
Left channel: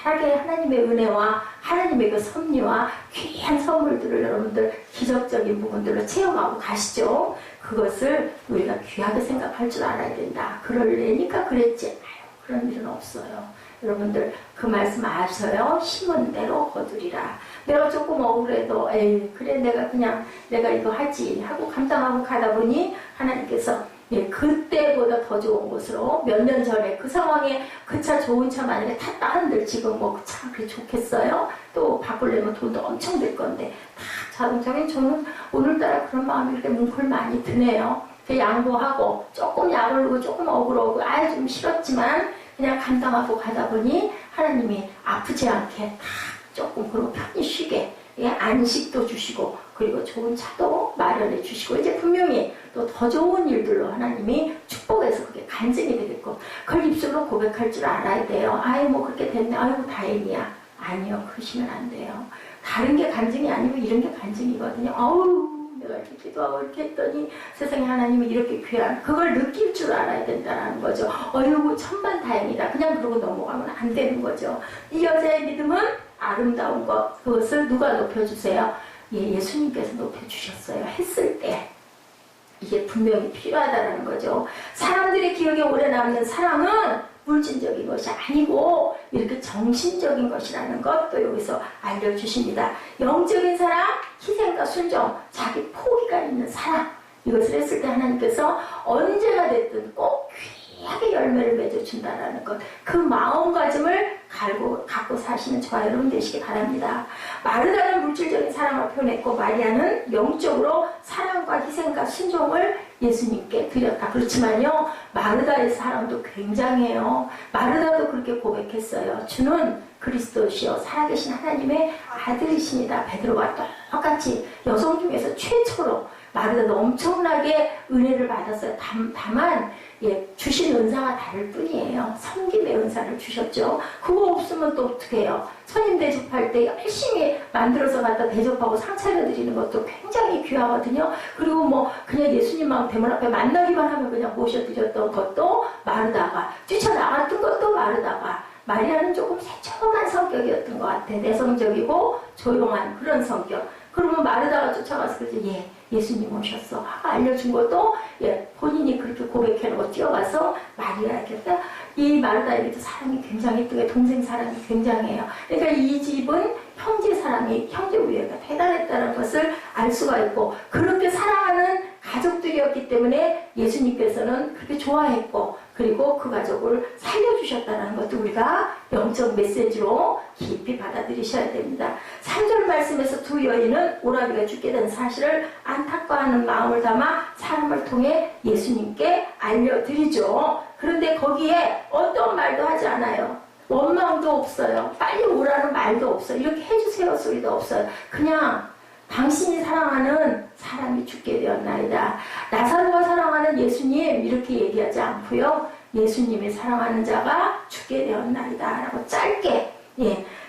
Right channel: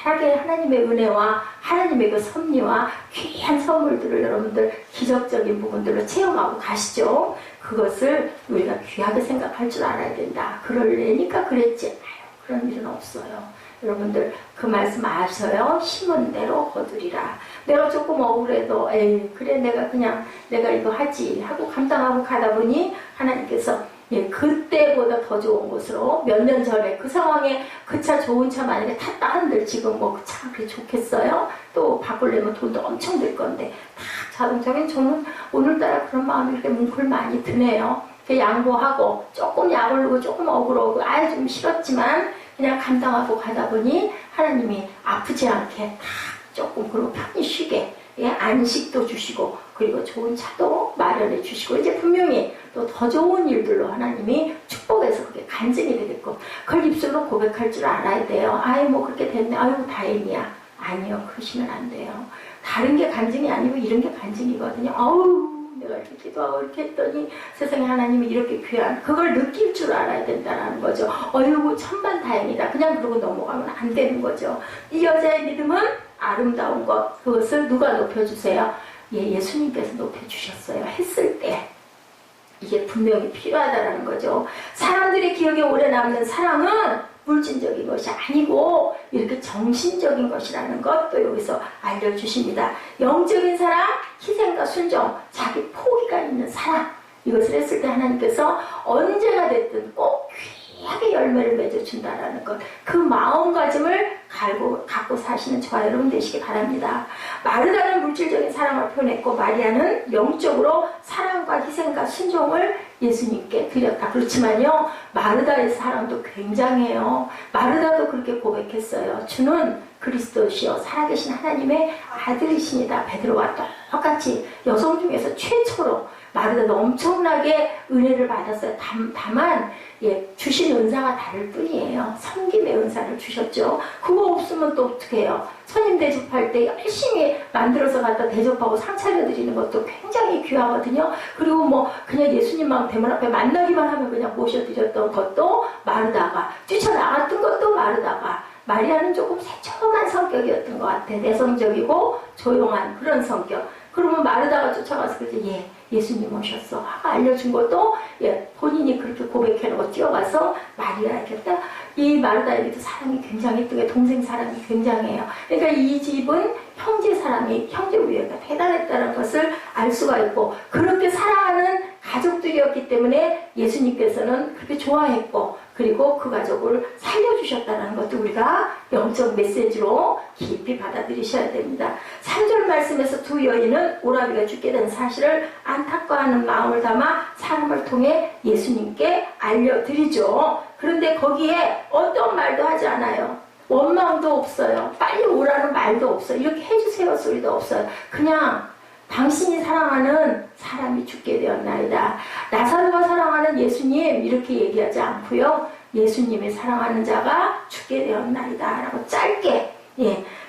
귀하게 하나님의 은혜와 하나님의 그 섭리와 귀한 선물들을 여러분들 기적적인 부분들로 체험하고 가시죠. 그것을 우리가 귀하게 생각할 줄 알아야 된다. 그러려니까 그랬지. 그런 일은 없어요. 여러분들 그 말씀 아셔요? 심은 대로 거두리라. 내가 조금 억울해도 에이 그래 내가 이거 하지 하고 감당하고 가다 보니 하나님께서 그때보다 더 좋은 곳으로 몇 년 전에 그 상황에 그 차 좋은 차 만약에 탔다 한들 지금 뭐 그 차 그렇게 좋겠어요? 또 바꾸려면 돈도 엄청 들 건데 다 자동차긴 저는 오늘따라 그런 마음이 이렇게 뭉클 많이 드네요. 양보하고 조금 약올르고 조금 억울하고 좀 싫었지만 그냥 감당하고 가다 보니 하나님이 아프지 않게 다 조금 그리고 편히 쉬게 안식도 주시고 그리고 좋은 차도 마련해 주시고 이제 분명히 또 더 좋은 일들로 하나님이 축복해서 그게 간증이 되겠고 그걸 입술로 고백할 줄 알아야 돼요. 뭐 그렇게 됐네. 아이고 다행이야. 아니요. 그러시면 안 돼요. 다른 게 간증이 아니고 이런 게 간증이거든요. 내가 이렇게 기도하고 이렇게 했더니 세상에 하나님이 이렇게 귀한 그걸 느낄 줄 알아야 된다는 거죠. 어이구 천만다행이다. 그냥 그러고 넘어가면 안 되는 거죠. 이 여자의 믿음은 아름다운 것 그것을 누가 높여주세요? 예수님께서 높여주셨어요. 했을 때 이게 분명히 필요하다는 거죠. 사람들의 기억에 오래 남는 사랑은 물질적인 것이 아니고 이렇게 정신적인 것이라는 것도 여기서 알려주십니다. 영적인 사랑, 희생과 순종, 자기 포기가 있는 사랑 이것을 했을 때 하나님께서 언제가 됐든 꼭 귀하게 열매를 맺어준다라는 것 그 마음가짐을 갖고 사시는 저와 여러분 되시기 바랍니다. 마르다는 물질적인 사랑을 표현했고 마리아는 영적으로 사랑과 희생과 순종을 예수님께 드렸다. 그렇지만요 마르다의 사랑도 굉장해요. 마르다도 그렇게 고백했어요. 주는 그리스도시요 살아계신 하나님의 아들이십니다. 베드로와 똑같이 여성 중에서 최초로 마르다도 엄청나게 은혜를 받았어요. 다만 주신 은사가 다를 뿐이에요. 섬김의 은사를 주셨죠. 그거 없으면 또 어떻게 해요? 손님 대접할 때 열심히 만들어서 갖다 대접하고 상 차려드리는 것도 굉장히 귀하거든요. 그리고 뭐 그냥 예수님만 대문 앞에 만나기만 하면 그냥 모셔드렸던 것도 마르다가 뛰쳐나갔던 것도 마르다가 마리아는 조금 세척한 성격이었던 것 같아. 내성적이고 조용한 그런 성격. 그러면 마르다가 쫓아가서 그러지 예수님 오셨어. 하고 알려준 것도 본인이 그렇게 고백해놓고 뛰어가서 마리아에게 이 마르다에게도 사랑이 굉장히 뜨게 동생 사랑이 굉장해요. 그러니까 이 집은 형제 사랑이 형제 우애가 대단했다는 것을 알 수가 있고 그렇게 사랑하는 가족들이었기 때문에 예수님께서는 그렇게 좋아했고 그리고 그 가족을 살려주셨다는 것도 우리가 영적 메시지로 깊이 받아들이셔야 됩니다. 3절 말씀에서 두 여인은 오라비가 죽게 된 사실을 안타까워하는 마음을 담아 사람을 통해 예수님께 알려드리죠. 그런데 거기에 어떤 말도 하지 않아요. 원망도 없어요. 빨리 오라는 말도 없어요. 이렇게 해주세요 소리도 없어요. 그냥 당신이 사랑하는 사람이 죽게 되었나이다. 나사로가 사랑하는 예수님 이렇게 얘기하지 않고요. 예수님이 사랑하는 자가 죽게 되었나이다 라고 짧게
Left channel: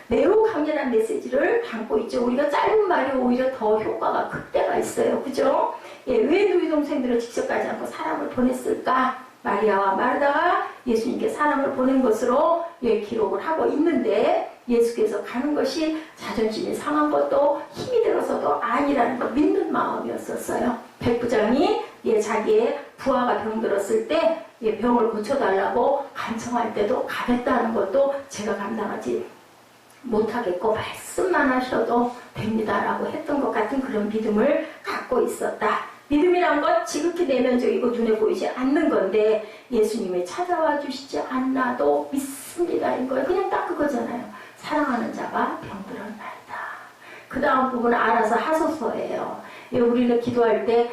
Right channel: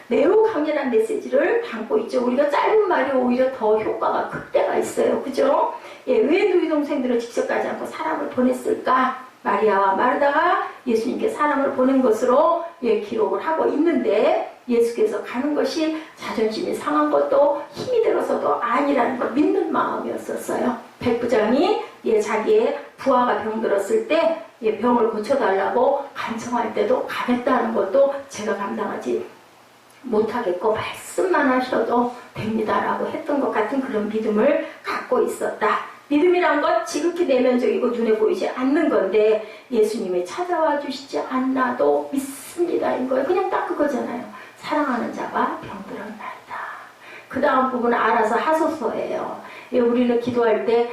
매우 강렬한 메시지를 담고 있죠. 우리가 짧은 말이 오히려 더 효과가 극대가 있어요. 그죠? 왜 누이 동생들을 직접 가지 않고 사람을 보냈을까? 마리아와 마르다가 예수님께 사람을 보낸 것으로 기록을 하고 있는데 예수께서 가는 것이 자존심이 상한 것도 힘이 들어서도 아니라는 걸 믿는 마음이었었어요. 백부장이 자기의 부하가 병들었을 때 병을 고쳐달라고 간청할 때도 가겠다는 것도 제가 감당하지 못하겠고 말씀만 하셔도 됩니다라고 했던 것 같은 그런 믿음을 갖고 있었다. 믿음이란 것 지극히 내면적이고 눈에 보이지 않는 건데 예수님이 찾아와 주시지 않나도 믿습니다. 이거예요. 그냥 딱 그거잖아요. 사랑하는 자가 병들었나이다. 그 다음 부분은 알아서 하소서예요. 우리는 기도할 때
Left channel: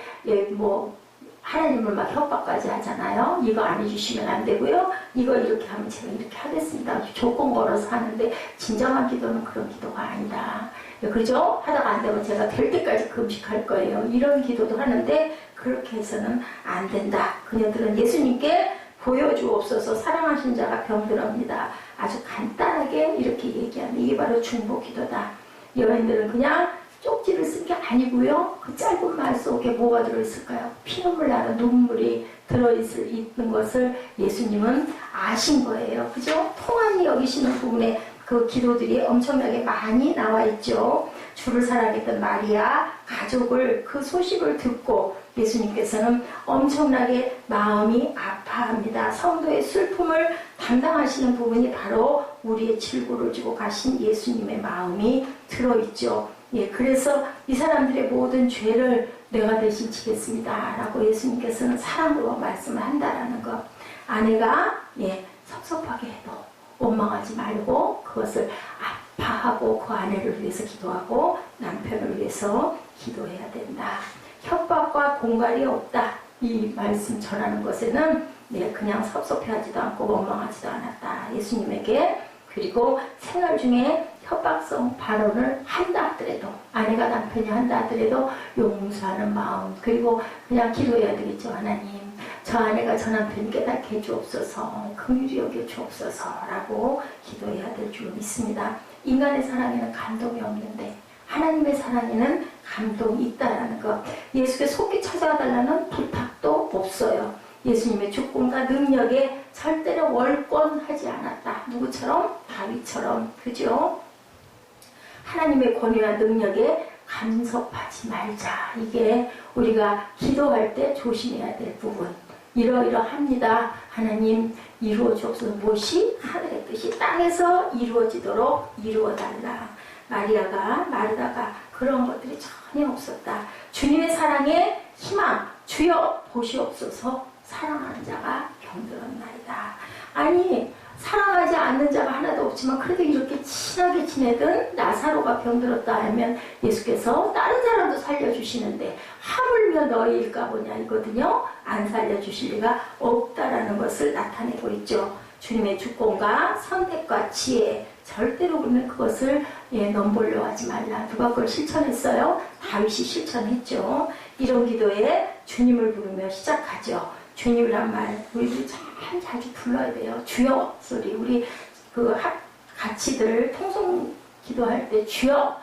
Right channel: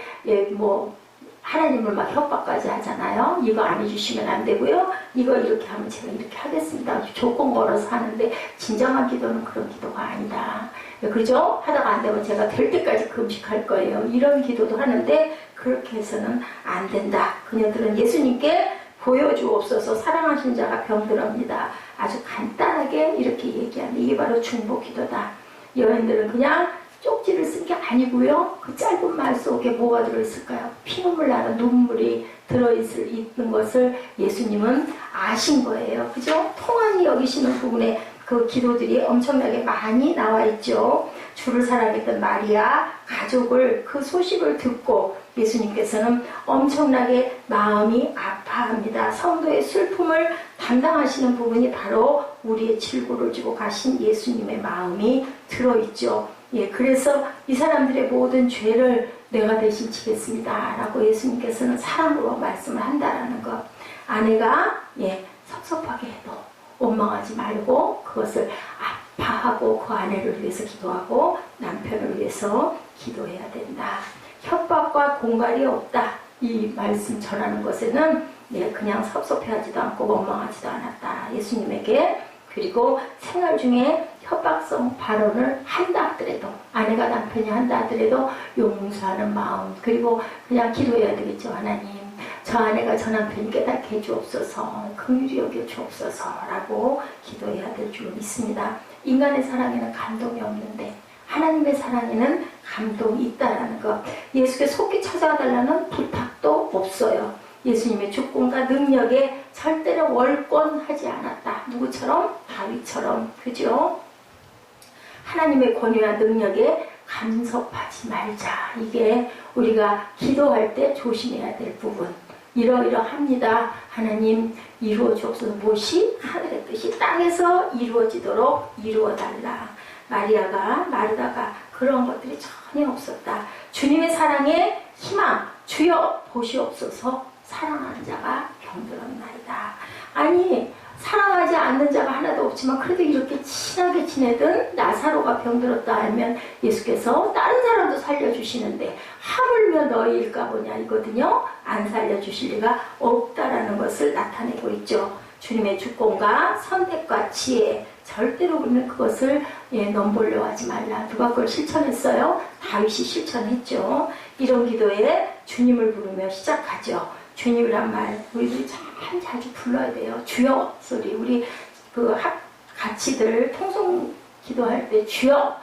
하나님을 막 협박까지 하잖아요. 이거 안 해주시면 안 되고요. 이거 이렇게 하면 제가 이렇게 하겠습니다. 조건 걸어서 하는데 진정한 기도는 그런 기도가 아니다. 그죠? 하다가 안 되면 제가 될 때까지 금식할 거예요. 이런 기도도 하는데 그렇게 해서는 안 된다. 그녀들은 예수님께 보여주옵소서 사랑하신 자가 병들었습니다. 아주 간단하게 이렇게 얘기하는 이게 바로 중보기도다. 여인들은 그냥 쪽지를 쓴 게 아니고요. 그 짧은 말 속에 뭐가 들어있을까요? 피눈물 나는 눈물이 들어있는 것을 예수님은 아신 거예요. 그죠? 통한이 여기시는 부분에 그 기도들이 엄청나게 많이 나와 있죠. 주를 사랑했던 마리아 가족을 그 소식을 듣고 예수님께서는 엄청나게 마음이 아파합니다. 성도의 슬픔을 담당하시는 부분이 바로 우리의 질고를 지고 가신 예수님의 마음이 들어있죠. 예, 그래서 이 사람들의 모든 죄를 내가 대신 지겠습니다 라고 예수님께서는 사랑으로 말씀을 한다라는 것. 아내가 섭섭하게 해도 원망하지 말고 그것을 아파하고 그 아내를 위해서 기도하고 남편을 위해서 기도해야 된다. 협박과 공갈이 없다. 이 말씀 전하는 것에는 그냥 섭섭해하지도 않고 원망하지도 않았다. 예수님에게. 그리고 생활 중에 협박성 발언을 한다 하더라도, 아내가 남편이 한다 하더라도 용서하는 마음, 그리고 그냥 기도해야 되겠죠. 하나님, 저 아내가 저 남편 깨닫게 해주옵소서, 긍휼히 여겨 주옵소서 라고 기도해야 될 줄 믿습니다. 인간의 사랑에는 감동이 없는데 하나님의 사랑에는 감동이 있다라는 것. 예수께 속히 찾아달라는 부탁도 없어요. 예수님의 주권과 능력에 절대로 월권하지 않았다. 누구처럼? 다윗처럼. 그죠? 하나님의 권위와 능력에 간섭하지 말자. 이게 우리가 기도할 때 조심해야 될 부분. 이러이러합니다. 하나님 이루어 주옵소서. 무엇이? 하늘의 뜻이 땅에서 이루어지도록 이루어달라. 마르다가 그런 것들이 전혀 없었다. 주님의 사랑에 희망, 주여 보시옵소서. 사랑하는 자가 병들었나이다. 아니, 사랑하지 않는 자가 하나도 없지만 그래도 이렇게 친하게 지내던 나사로가 병들었다 하면 예수께서 다른 사람도 살려주시는데 하물며 너희일까 보냐 이거든요. 안 살려주실 리가 없다라는 것을 나타내고 있죠. 주님의 주권과 선택과 지혜, 절대로 우리는 그것을 넘보려 하지 말라. 누가 그걸 실천했어요? 다윗이 실천했죠. 이런 기도에 주님을 부르며 시작하죠. 주님이란 말 우리들이 참 자주 불러야 돼요. 주여 소리. 우리 같이들 통성 기도할 때 주여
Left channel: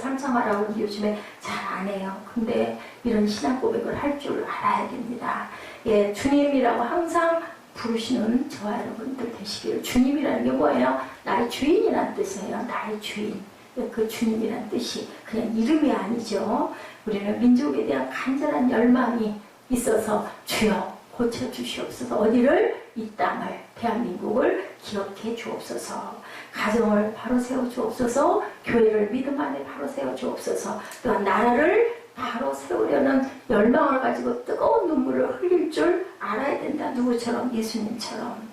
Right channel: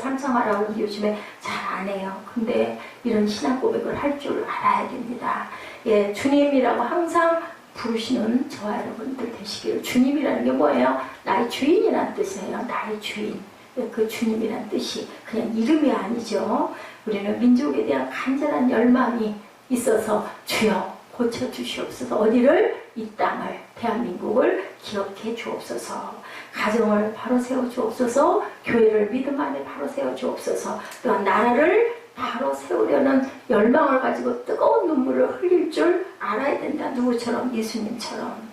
삼창하라고 요즘에 잘 안 해요. 근데 이런 신앙 고백을 할 줄 알아야 됩니다. 예, 주님이라고 항상 부르시는 저와 여러분들 되시기를. 주님이라는 게 뭐예요? 나의 주인이라는 뜻이에요. 나의 주인. 그 주님이라는 뜻이 그냥 이름이 아니죠. 우리는 민족에 대한 간절한 열망이 있어서 주여 고쳐주시옵소서. 어디를? 이 땅을, 대한민국을 기억해 주옵소서. 가정을 바로 세워주옵소서. 교회를 믿음 안에 바로 세워주옵소서. 또한 나라를 바로 세우려는 열망을 가지고 뜨거운 눈물을 흘릴 줄 알아야 된다. 누구처럼? 예수님처럼.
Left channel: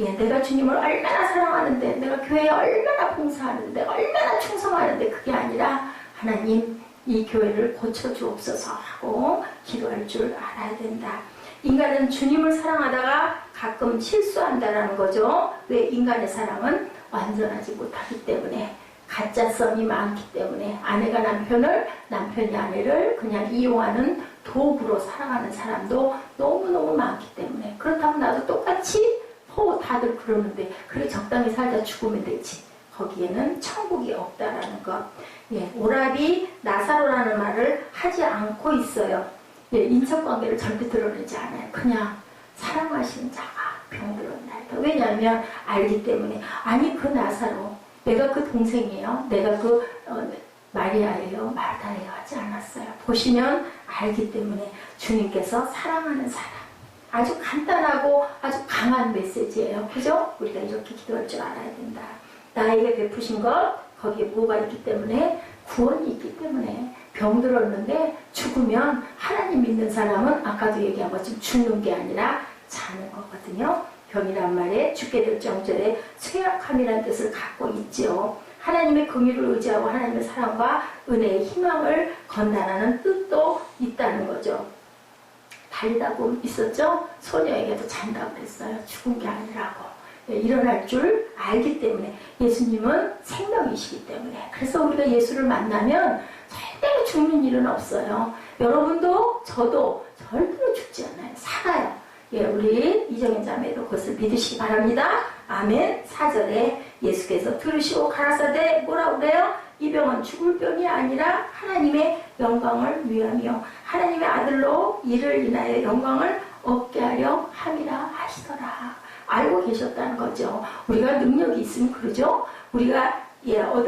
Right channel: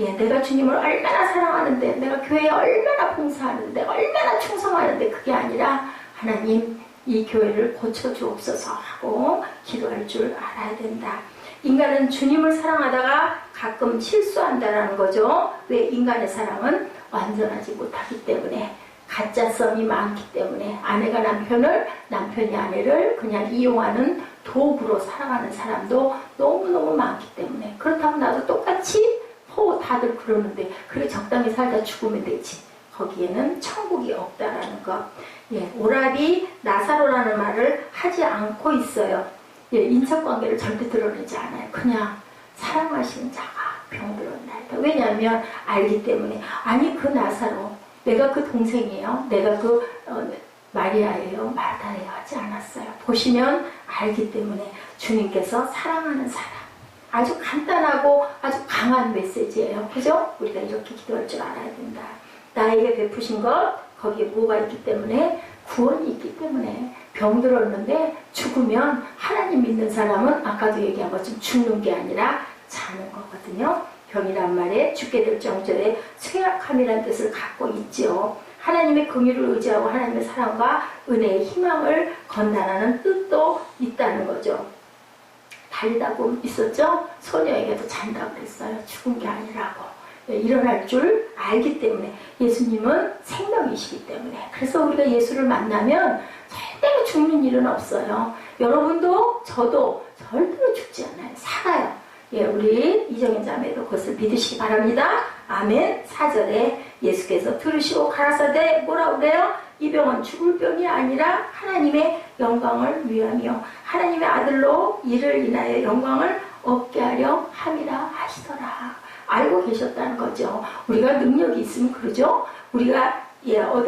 예, 내가 주님을 얼마나 사랑하는데, 내가 교회에 얼마나 봉사하는데, 얼마나 충성하는데, 그게 아니라 하나님 이 교회를 고쳐주옵소서 하고 기도할 줄 알아야 된다. 인간은 주님을 사랑하다가 가끔 실수한다라는 거죠. 왜? 인간의 사랑은 완전하지 못하기 때문에, 가짜성이 많기 때문에, 아내가 남편을, 남편이 아내를 그냥 이용하는 도구로 살아가는 사람도 너무너무 많기 때문에. 그렇다고 나도 똑같이 다들 그러는데 그렇게 적당히 살다 죽으면 되지. 거기에는 천국이 없다라는 것. 예, 오라비 나사로라는 말을 하지 않고 있어요. 예, 인척관계를 절대 드러내지 않아요. 그냥 사랑하시는 자가 병들었나이다. 왜냐하면 알기 때문에. 아니, 그 나사로 내가 그 동생이에요. 내가 그 마리아예요. 마르다예요. 하지 않았어요. 보시면 알기 때문에 주님께서 사랑하는 사람. 아주 간단하고 아주 강한 메시지예요. 그죠? 우리가 이렇게 기도할 줄 알아야 된다. 나에게 베푸신 것, 거기에 뭐가 있기 때문에? 구원이 있기 때문에. 병들었는데 죽으면 하나님 믿는 사람은 아까도 얘기한 것처럼 죽는 게 아니라 자는 거거든요. 병이란 말에 죽게 될 정절에 쇠약함이라는 뜻을 갖고 있죠. 하나님의 긍휼을 의지하고 하나님의 사랑과 은혜의 희망을 건다라는 뜻도 있다는 거죠. 달리다고 있었죠? 소녀에게도 잔다고 그랬어요. 죽은 게 아니라고. 일어날 줄 알기 때문에. 예수님은 생명이시기 때문에. 그래서 우리가 예수를 만나면 절대로 죽는 일은 없어요. 여러분도 저도 절대로 죽지 않아요. 살아요. 예, 우리 이정현 자매도 그것을 믿으시기 바랍니다. 아멘. 4절에 예수께서 들으시고 가라사대 뭐라고 그래요? 이 병은 죽을 병이 아니라 하나님의 영광을 위하며 하나님의 아들로 이를 인하여 영광을 얻게 하려 함이라 하시더라. 알고 계셨다는 거죠. 우리가 능력이 있으면 그러죠. 우리가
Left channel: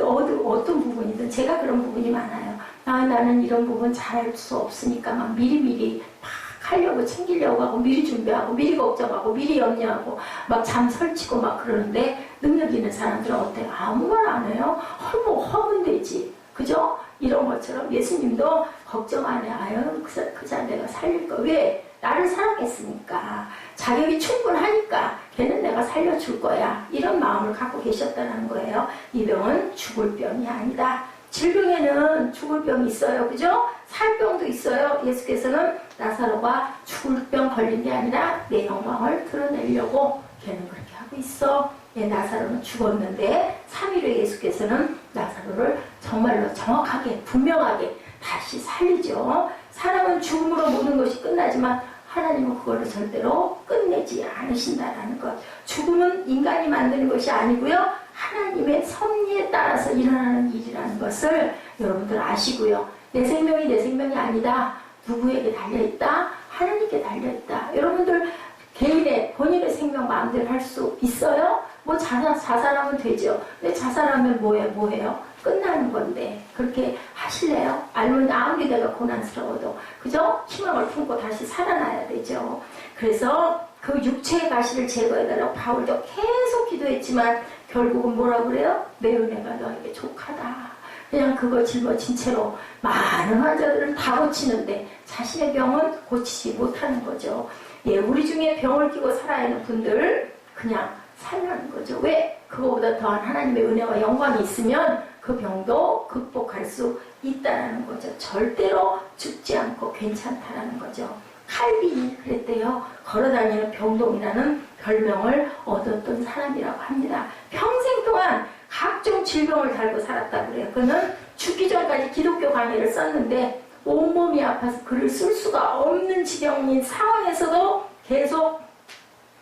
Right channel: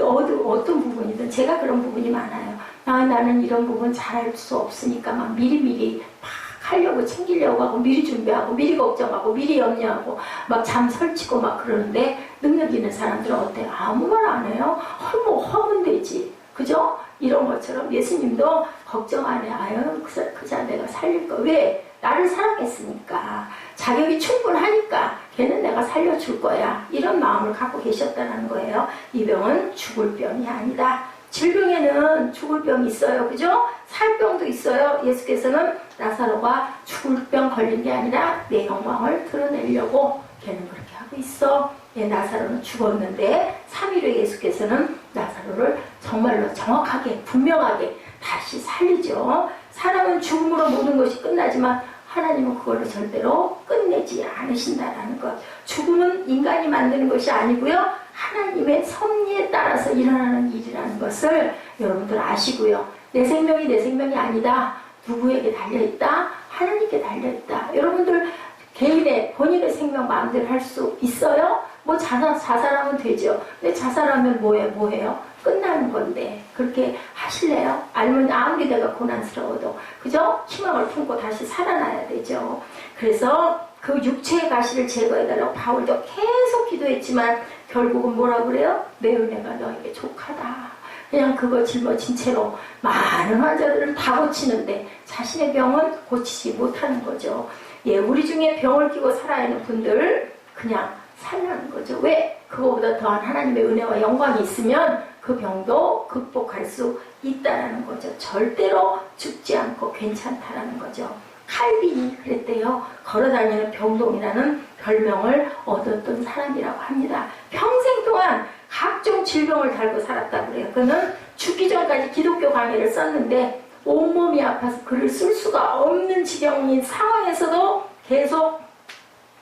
어떤 부분이든 제가 그런 부분이 많아요. 나는 이런 부분 잘할 수 없으니까 막 미리미리 막 하려고 챙기려고 하고 미리 준비하고 미리 걱정하고 미리 염려하고 막 잠 설치고 막 그러는데 능력 있는 사람들은 어때요? 아무 말 안 해요. 뭐 하면 되지. 그죠? 이런 것처럼 예수님도 걱정 안 해. 아유 그 자네가 살릴 거. 왜? 나를 사랑했으니까. 자격이 충분하니까 걔는 내가 살려줄 거야. 이런 마음을 갖고 계셨다는 거예요. 이 병은 죽을 병이 아니다. 질병에는 죽을 병이 있어요. 그죠? 살 병도 있어요. 예수께서는 나사로가 죽을 병 걸린 게 아니라 내 영광을 드러내려고 걔는 그렇게 하고 있어. 나사로는 죽었는데 3일 후에 예수께서는 나사로를 정말로 정확하게 분명하게 다시 살리죠. 사람은 죽음으로 모든 것이 끝나지만 하나님은 그거를 절대로 끝내지 않으신다라는 것. 죽음은 인간이 만드는 것이 아니고요. 하나님의 섭리에 따라서 일어나는 일이라는 것을 여러분들 아시고요. 내 생명이 아니다. 누구에게 달려있다? 하나님께 달려있다. 여러분들 개인의 본인의 생명 마음대로 할 수 있어요? 뭐 자살하면 되죠. 근데 자살하면 뭐해요? 끝나는 건데 그렇게 하실래요? 아무리 내가 고난스러워도 그죠? 희망을 품고 다시 살아나야 되죠. 그래서 그 육체의 가시를 제거해달라고 바울도 계속 기도했지만 결국은 뭐라고 그래요? 내 은혜가 너에게 족하다. 그냥 그거 짊어진 채로 많은 환자들을 다 고치는데 자신의 병은 고치지 못하는 거죠. 우리 중에 병을 끼고 살아야 하는 분들 그냥 살라는 거죠. 왜? 그거보다 더한 하나님의 은혜와 영광이 있으면 그 병도 극복할 수 있다는 거죠. 절대로 죽지 않고 괜찮다라는 거죠. 칼빈이 그랬대요. 걸어다니는 병동이라는 별명을 얻었던 사람이라고 합니다. 평생 동안 각종 질병을 달고 살았다고 그래요. 그는 죽기 전까지 기독교 강의를 썼는데 온몸이 아파서 글을 쓸 수가 없는 지경인 상황에서도 계속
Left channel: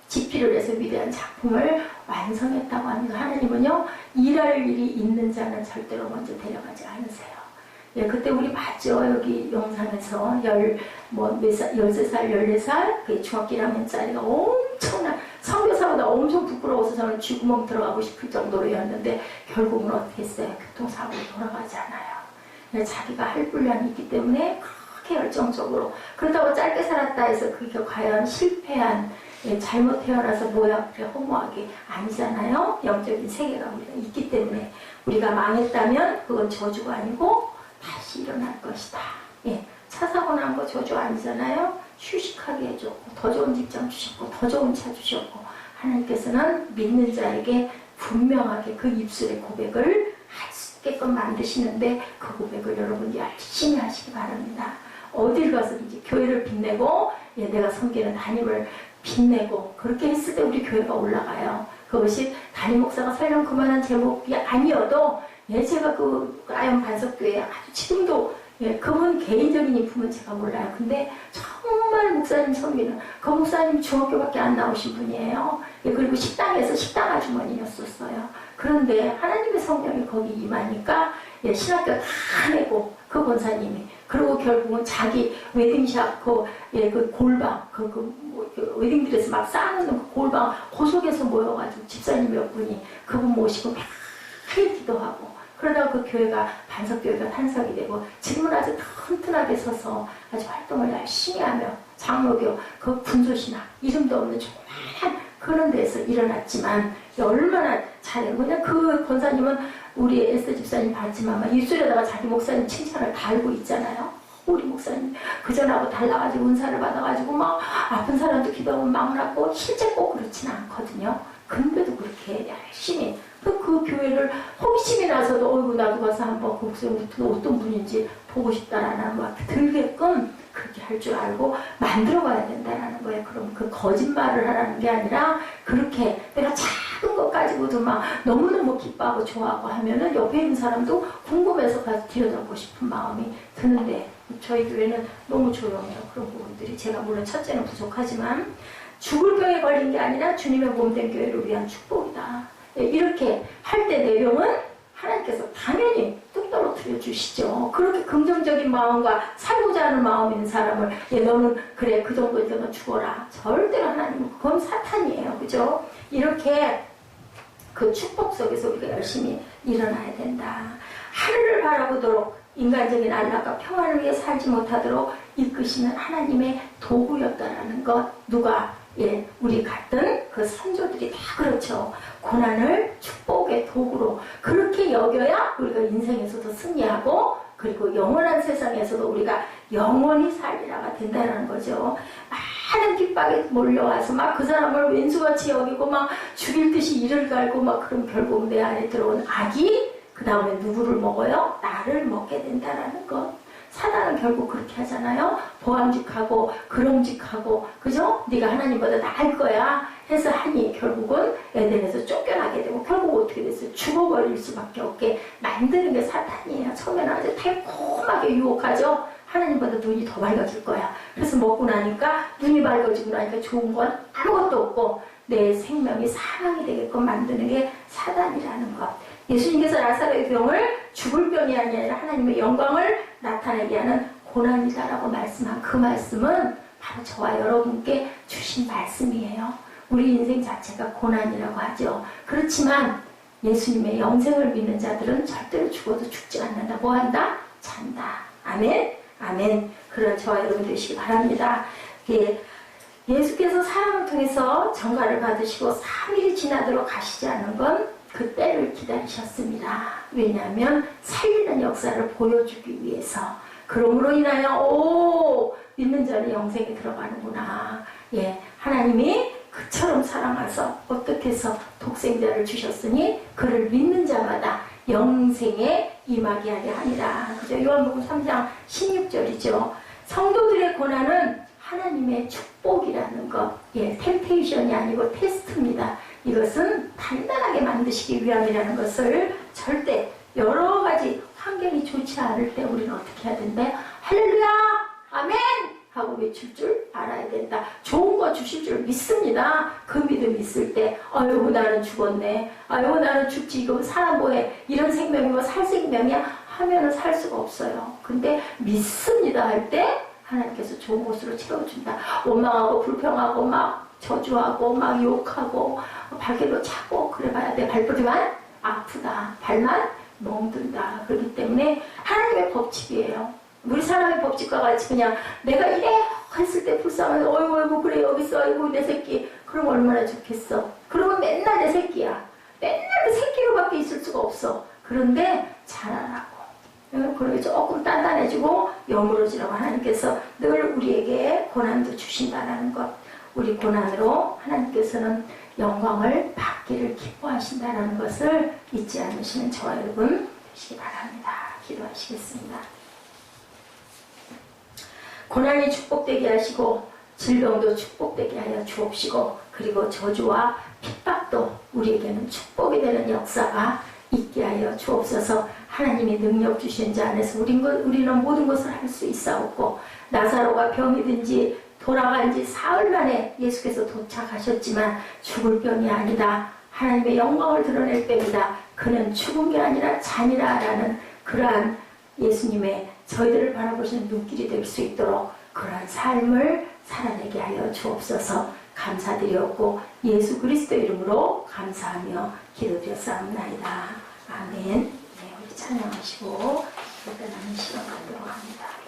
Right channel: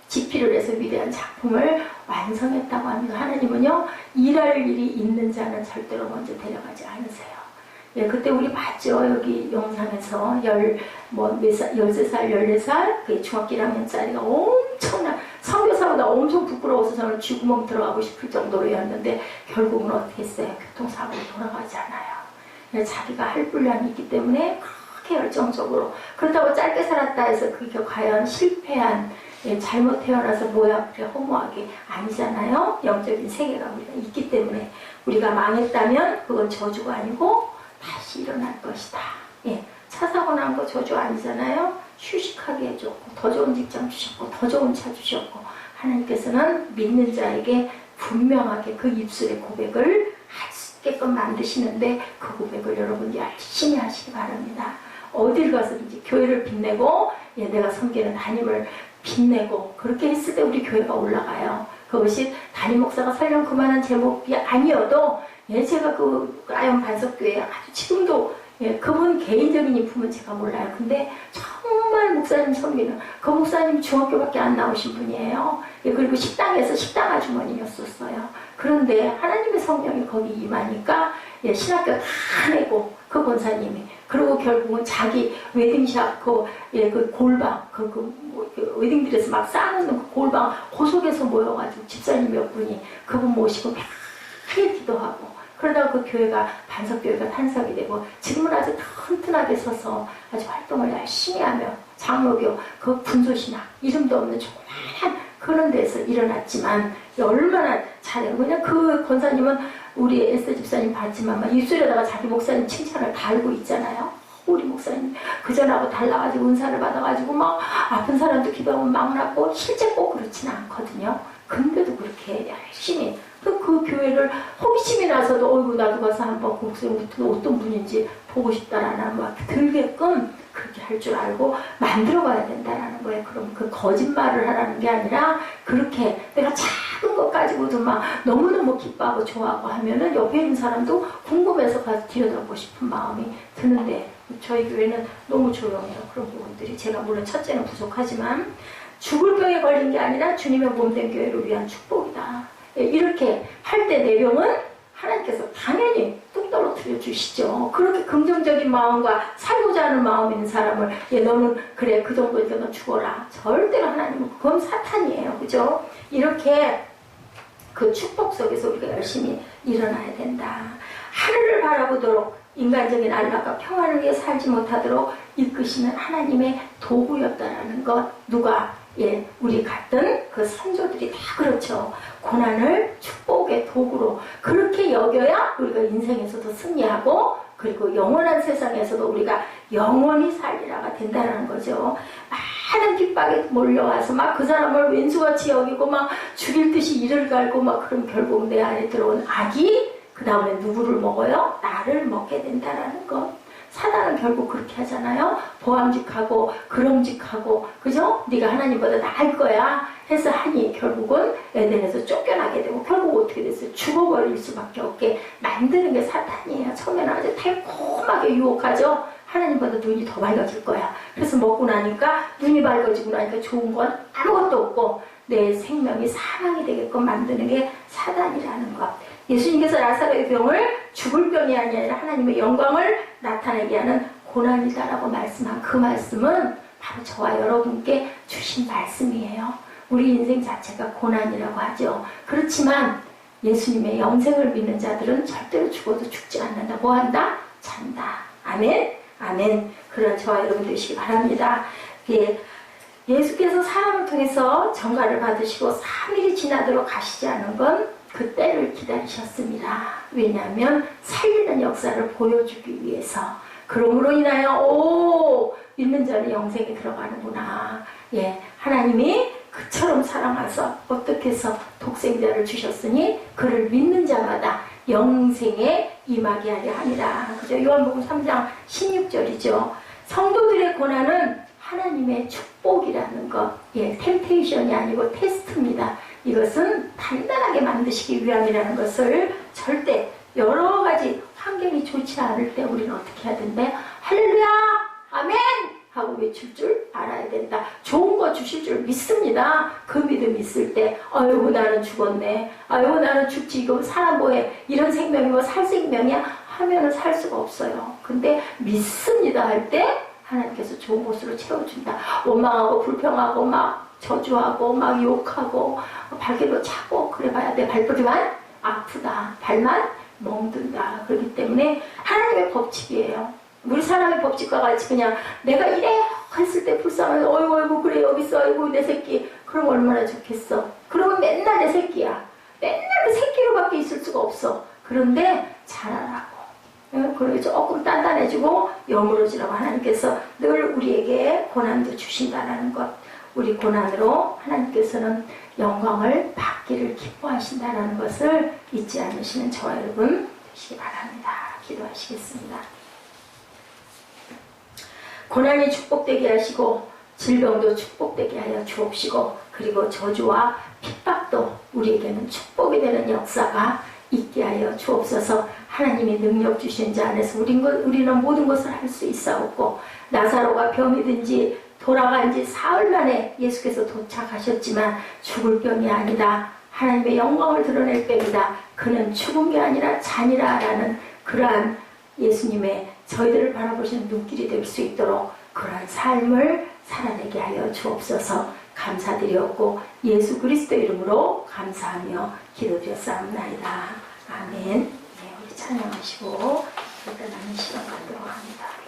집필을 해서 위대한 작품을 완성했다고 합니다. 하나님은요, 일할 일이 있는 자는 절대로 먼저 데려가지 않으세요. 그때 우리 봤죠. 여기 영상에서 13살, 14살, 그 중학교 1학년짜리가 엄청난, 선교사보다 엄청 부끄러워서 저는 쥐구멍 들어가고 싶을 정도로였는데, 결국은 어떻게 했어요? 교통사고로 돌아가지 않아요. 자기가 할 분량이 있기 때문에 그렇게 열정적으로. 그렇다고 짧게 살았다 해서 그게 과연 실패한, 잘못 태어나서 뭐야 그래 허무하게 아니잖아요. 영적인 세계가 우리가 있기 때문에 우리가 망했다면 그건 저주가 아니고 다시 일어날 것이다. 차 사고 난 거 저주 아니잖아요. 휴식하게 해줬고 더 좋은 직장 주셨고 더 좋은 차 주셨고 하나님께서는 믿는 자에게 분명하게 그 입술의 고백을 할 수 있게끔 만드시는데 그 고백을 여러분 열심히 하시기 바랍니다. 어딜 가서든지 교회를 빛내고 내가 섬기는 담임을 빛내고 그렇게 했을 때 우리 교회가 올라가요. 그것이 담임 목사가 설령 그만한 제목이 아니어도 제가 그 아연 반석교회 아주 지금도 그분 개인적인 인품은 제가 몰라요. 근데 정말 목사님 섬기는 그 목사님 중학교밖에 안 나오신 분이에요. 그리고 식당에서 식당 아주머니였었어요. 그런데 하나님의 성령이 거기 임하니까 신학교 다 내고 그 권사님이 그리고 결국은 자기 웨딩샵 그 골방 웨딩드레스 막 쌓아놓는 그 골방 그 속에서 모여가지고 집사님 몇 분이 그분 모시고 매일 기도하고 그러다가 그 교회가 반석교회가 탄생이 되고 지금은 아주 튼튼하게 서서 아주 활동을 열심히 하며 장로교 그 분소신학 이름도 없는 조그만한 그런 데서 일어났지만 얼마나 잘해요. 그냥 그 권사님은 우리 에스더 집사님 봤지만 막 입술에다가 자기 목사님 칭찬을 달고 있잖아요. 우리 목사님 그전하고 달라가지고 은사를 받아가지고 막 아픈 사람도 기도하면 막 낫고 실제 꼭 그렇지는 않거든요. 근데도 그렇게 열심히 그 교회를 호기심이 나서도 어이구 나도 가서 한번 그 목사님 어떤 분인지 보고 싶다라는 막 들게끔 그렇게 할 줄 알고 만들어가야 된다라는 거예요. 그럼 그 거짓말을 하라는 게 아니라 그렇게 내가 작은 것 가지고도 막 너무너무 기뻐하고 좋아하고 하면은 옆에 있는 사람도 궁금해서 가서 들여다보고 싶은 마음이 드는데 저희 교회는 너무 조용해요. 그런 부분들이 제가 물론 첫째는 부족하지만 죽을 병에 걸린 게 아니라 주님의 몸된 교회를 위한 축복이다. 이렇게 할 때 내 병은 하나님께서 당연히 뚝 떨어뜨려 주시죠. 그렇게 긍정적인 마음과 살고자 하는 마음 있는 사람을 너는 그래 그 정도니까 너 죽어라. 절대로 하나님은 그건 사탄이에요. 그죠? 이렇게 그 축복 속에서 우리가 열심히 일어나야 된다. 하늘을 바라보도록 인간적인 안락과 평안을 위해 살지 못하도록 이끄시는 하나님의 도구였다라는 것. 누가? 우리 같은 그 선조들이 다 그렇죠. 고난을 축복의 도구로 그렇게 여겨야 우리가 인생에서도 승리하고 그리고 영원한 세상에서도 우리가 영원히 살리라가 된다는 거죠. 많은 핍박에 몰려와서 막 그 사람을 왼수같이 여기고 막 죽일 듯이 이를 갈고 막 그럼 결국 내 안에 들어온 악이 그 다음에 누구를 먹어요? 나를 먹게 된다라는 것. 사단은 결국 그렇게 하잖아요. 보암직하고 그럼직하고 그죠? 네가 하나님보다 나을 거야 해서 하니 결국은 에덴에서 쫓겨나게 되고 결국 어떻게 됐어요? 죽어버릴 수밖에 없게 만드는 게 사탄이에요. 처음에는 아주 달콤하게 유혹하죠. 하나님보다 눈이 더 밝아질 거야. 그래서 먹고 나니까 눈이 밝아지고 나니까 좋은 건 아무것도 없고 내 생명이 사망이 되게끔 만드는 게 사단이라는 것. 예수님께서 라사로의 병을 죽을 병이 아니라 하나님의 영광을 나타내게 하는 고난이다라고 말씀한 그 말씀은 바로 저와 여러분께 주신 말씀이에요. 우리 인생 자체가 고난이라고 하죠. 그렇지만 예수님의 영생을 믿는 자들은 절대로 죽어도 죽지 않는다. 뭐 한다? 잔다. 아멘? 아멘. 그런 저와 여러분 되시기 바랍니다. 예수께서 사람을 통해서 전가를 받으시고 3일이 지나도록 가시지 않은 건 그 때를 기다리셨습니다. 왜냐하면 살리는 역사를 보여주기 위해서. 그러므로 인하여 믿는 자는 영생에 들어가는구나. 하나님이 그처럼 사랑하셔서 어떻게 해서 독생자를 주셨으니 그를 믿는 자마다 영생에 임하게 하려 하니라. 그죠? 요한복음 3장 16절이죠. 성도들의 고난은 하나님의 축복이라는 것. 템테이션이 아니고 테스트입니다. 이것은 단단하게 만드시기 위함이라는 것을 절대 여러 가지 환경이 좋지 않을 때 우리는 어떻게 해야 된대? 할렐루야! 아멘! 하고 외칠 줄 알아야 된다. 좋은 거 주실 줄 믿습니다. 그 믿음 있을 때 아이고 나는 죽었네. 아이고 나는 죽지. 이거 사람 뭐해. 이런 생명이고 살 생명이야. 하면은 살 수가 없어요. 근데 믿습니다 할 때 하나님께서 좋은 곳으로 채워준다. 원망하고 불평하고 막 저주하고 막 욕하고 발길로 차고 그래봐야 내 발버리만 아프다. 발만 멍든다. 그렇기 때문에 하나님의 법칙이에요. 우리 사람의 법칙과 같이 그냥 내가 이래 했을 때 불쌍해서 어이구 그래 여기 있어 어이구 내 새끼 그럼 얼마나 좋겠어. 그러면 맨날 내 새끼야. 맨날 그 새끼로밖에 있을 수가 없어. 그런데 잘하라고. 그리고 조금 단단해지고 여물어지라고 하나님께서 늘 우리에게 고난도 주신다는 것. 우리 고난으로 하나님께서는 영광을 받기를 기뻐하신다는 것을 잊지 않으시는 저와 여러분 되시기 바랍니다. 기도하시겠습니다. 고난이 축복되게 하시고 질병도 축복되게 하여 주옵시고 그리고 저주와 핍박도 우리에게는 축복이 되는 역사가 있게 하여 주옵소서. 하나님이 능력 주신 자 안에서 우리는 모든 것을 할 수 있사옵고 나사로가 병이 든지 돌아간 지 사흘 만에 예수께서 도착하셨지만 죽을 병이 아니다. 하나님의 영광을 드러낼 병이다. 그는 죽은 게 아니라 잔이라 라는 그러한 예수님의 저희들을 바라보시는 눈길이 될 수 있도록 그러한 삶을 살아내게 하여 주옵소서. 감사드렸고 예수 그리스도 이름으로 감사하며 기도드렸사옵나이다. 아멘. 우리 찬양하시고 일단 남은 시간 갖도록 합니다.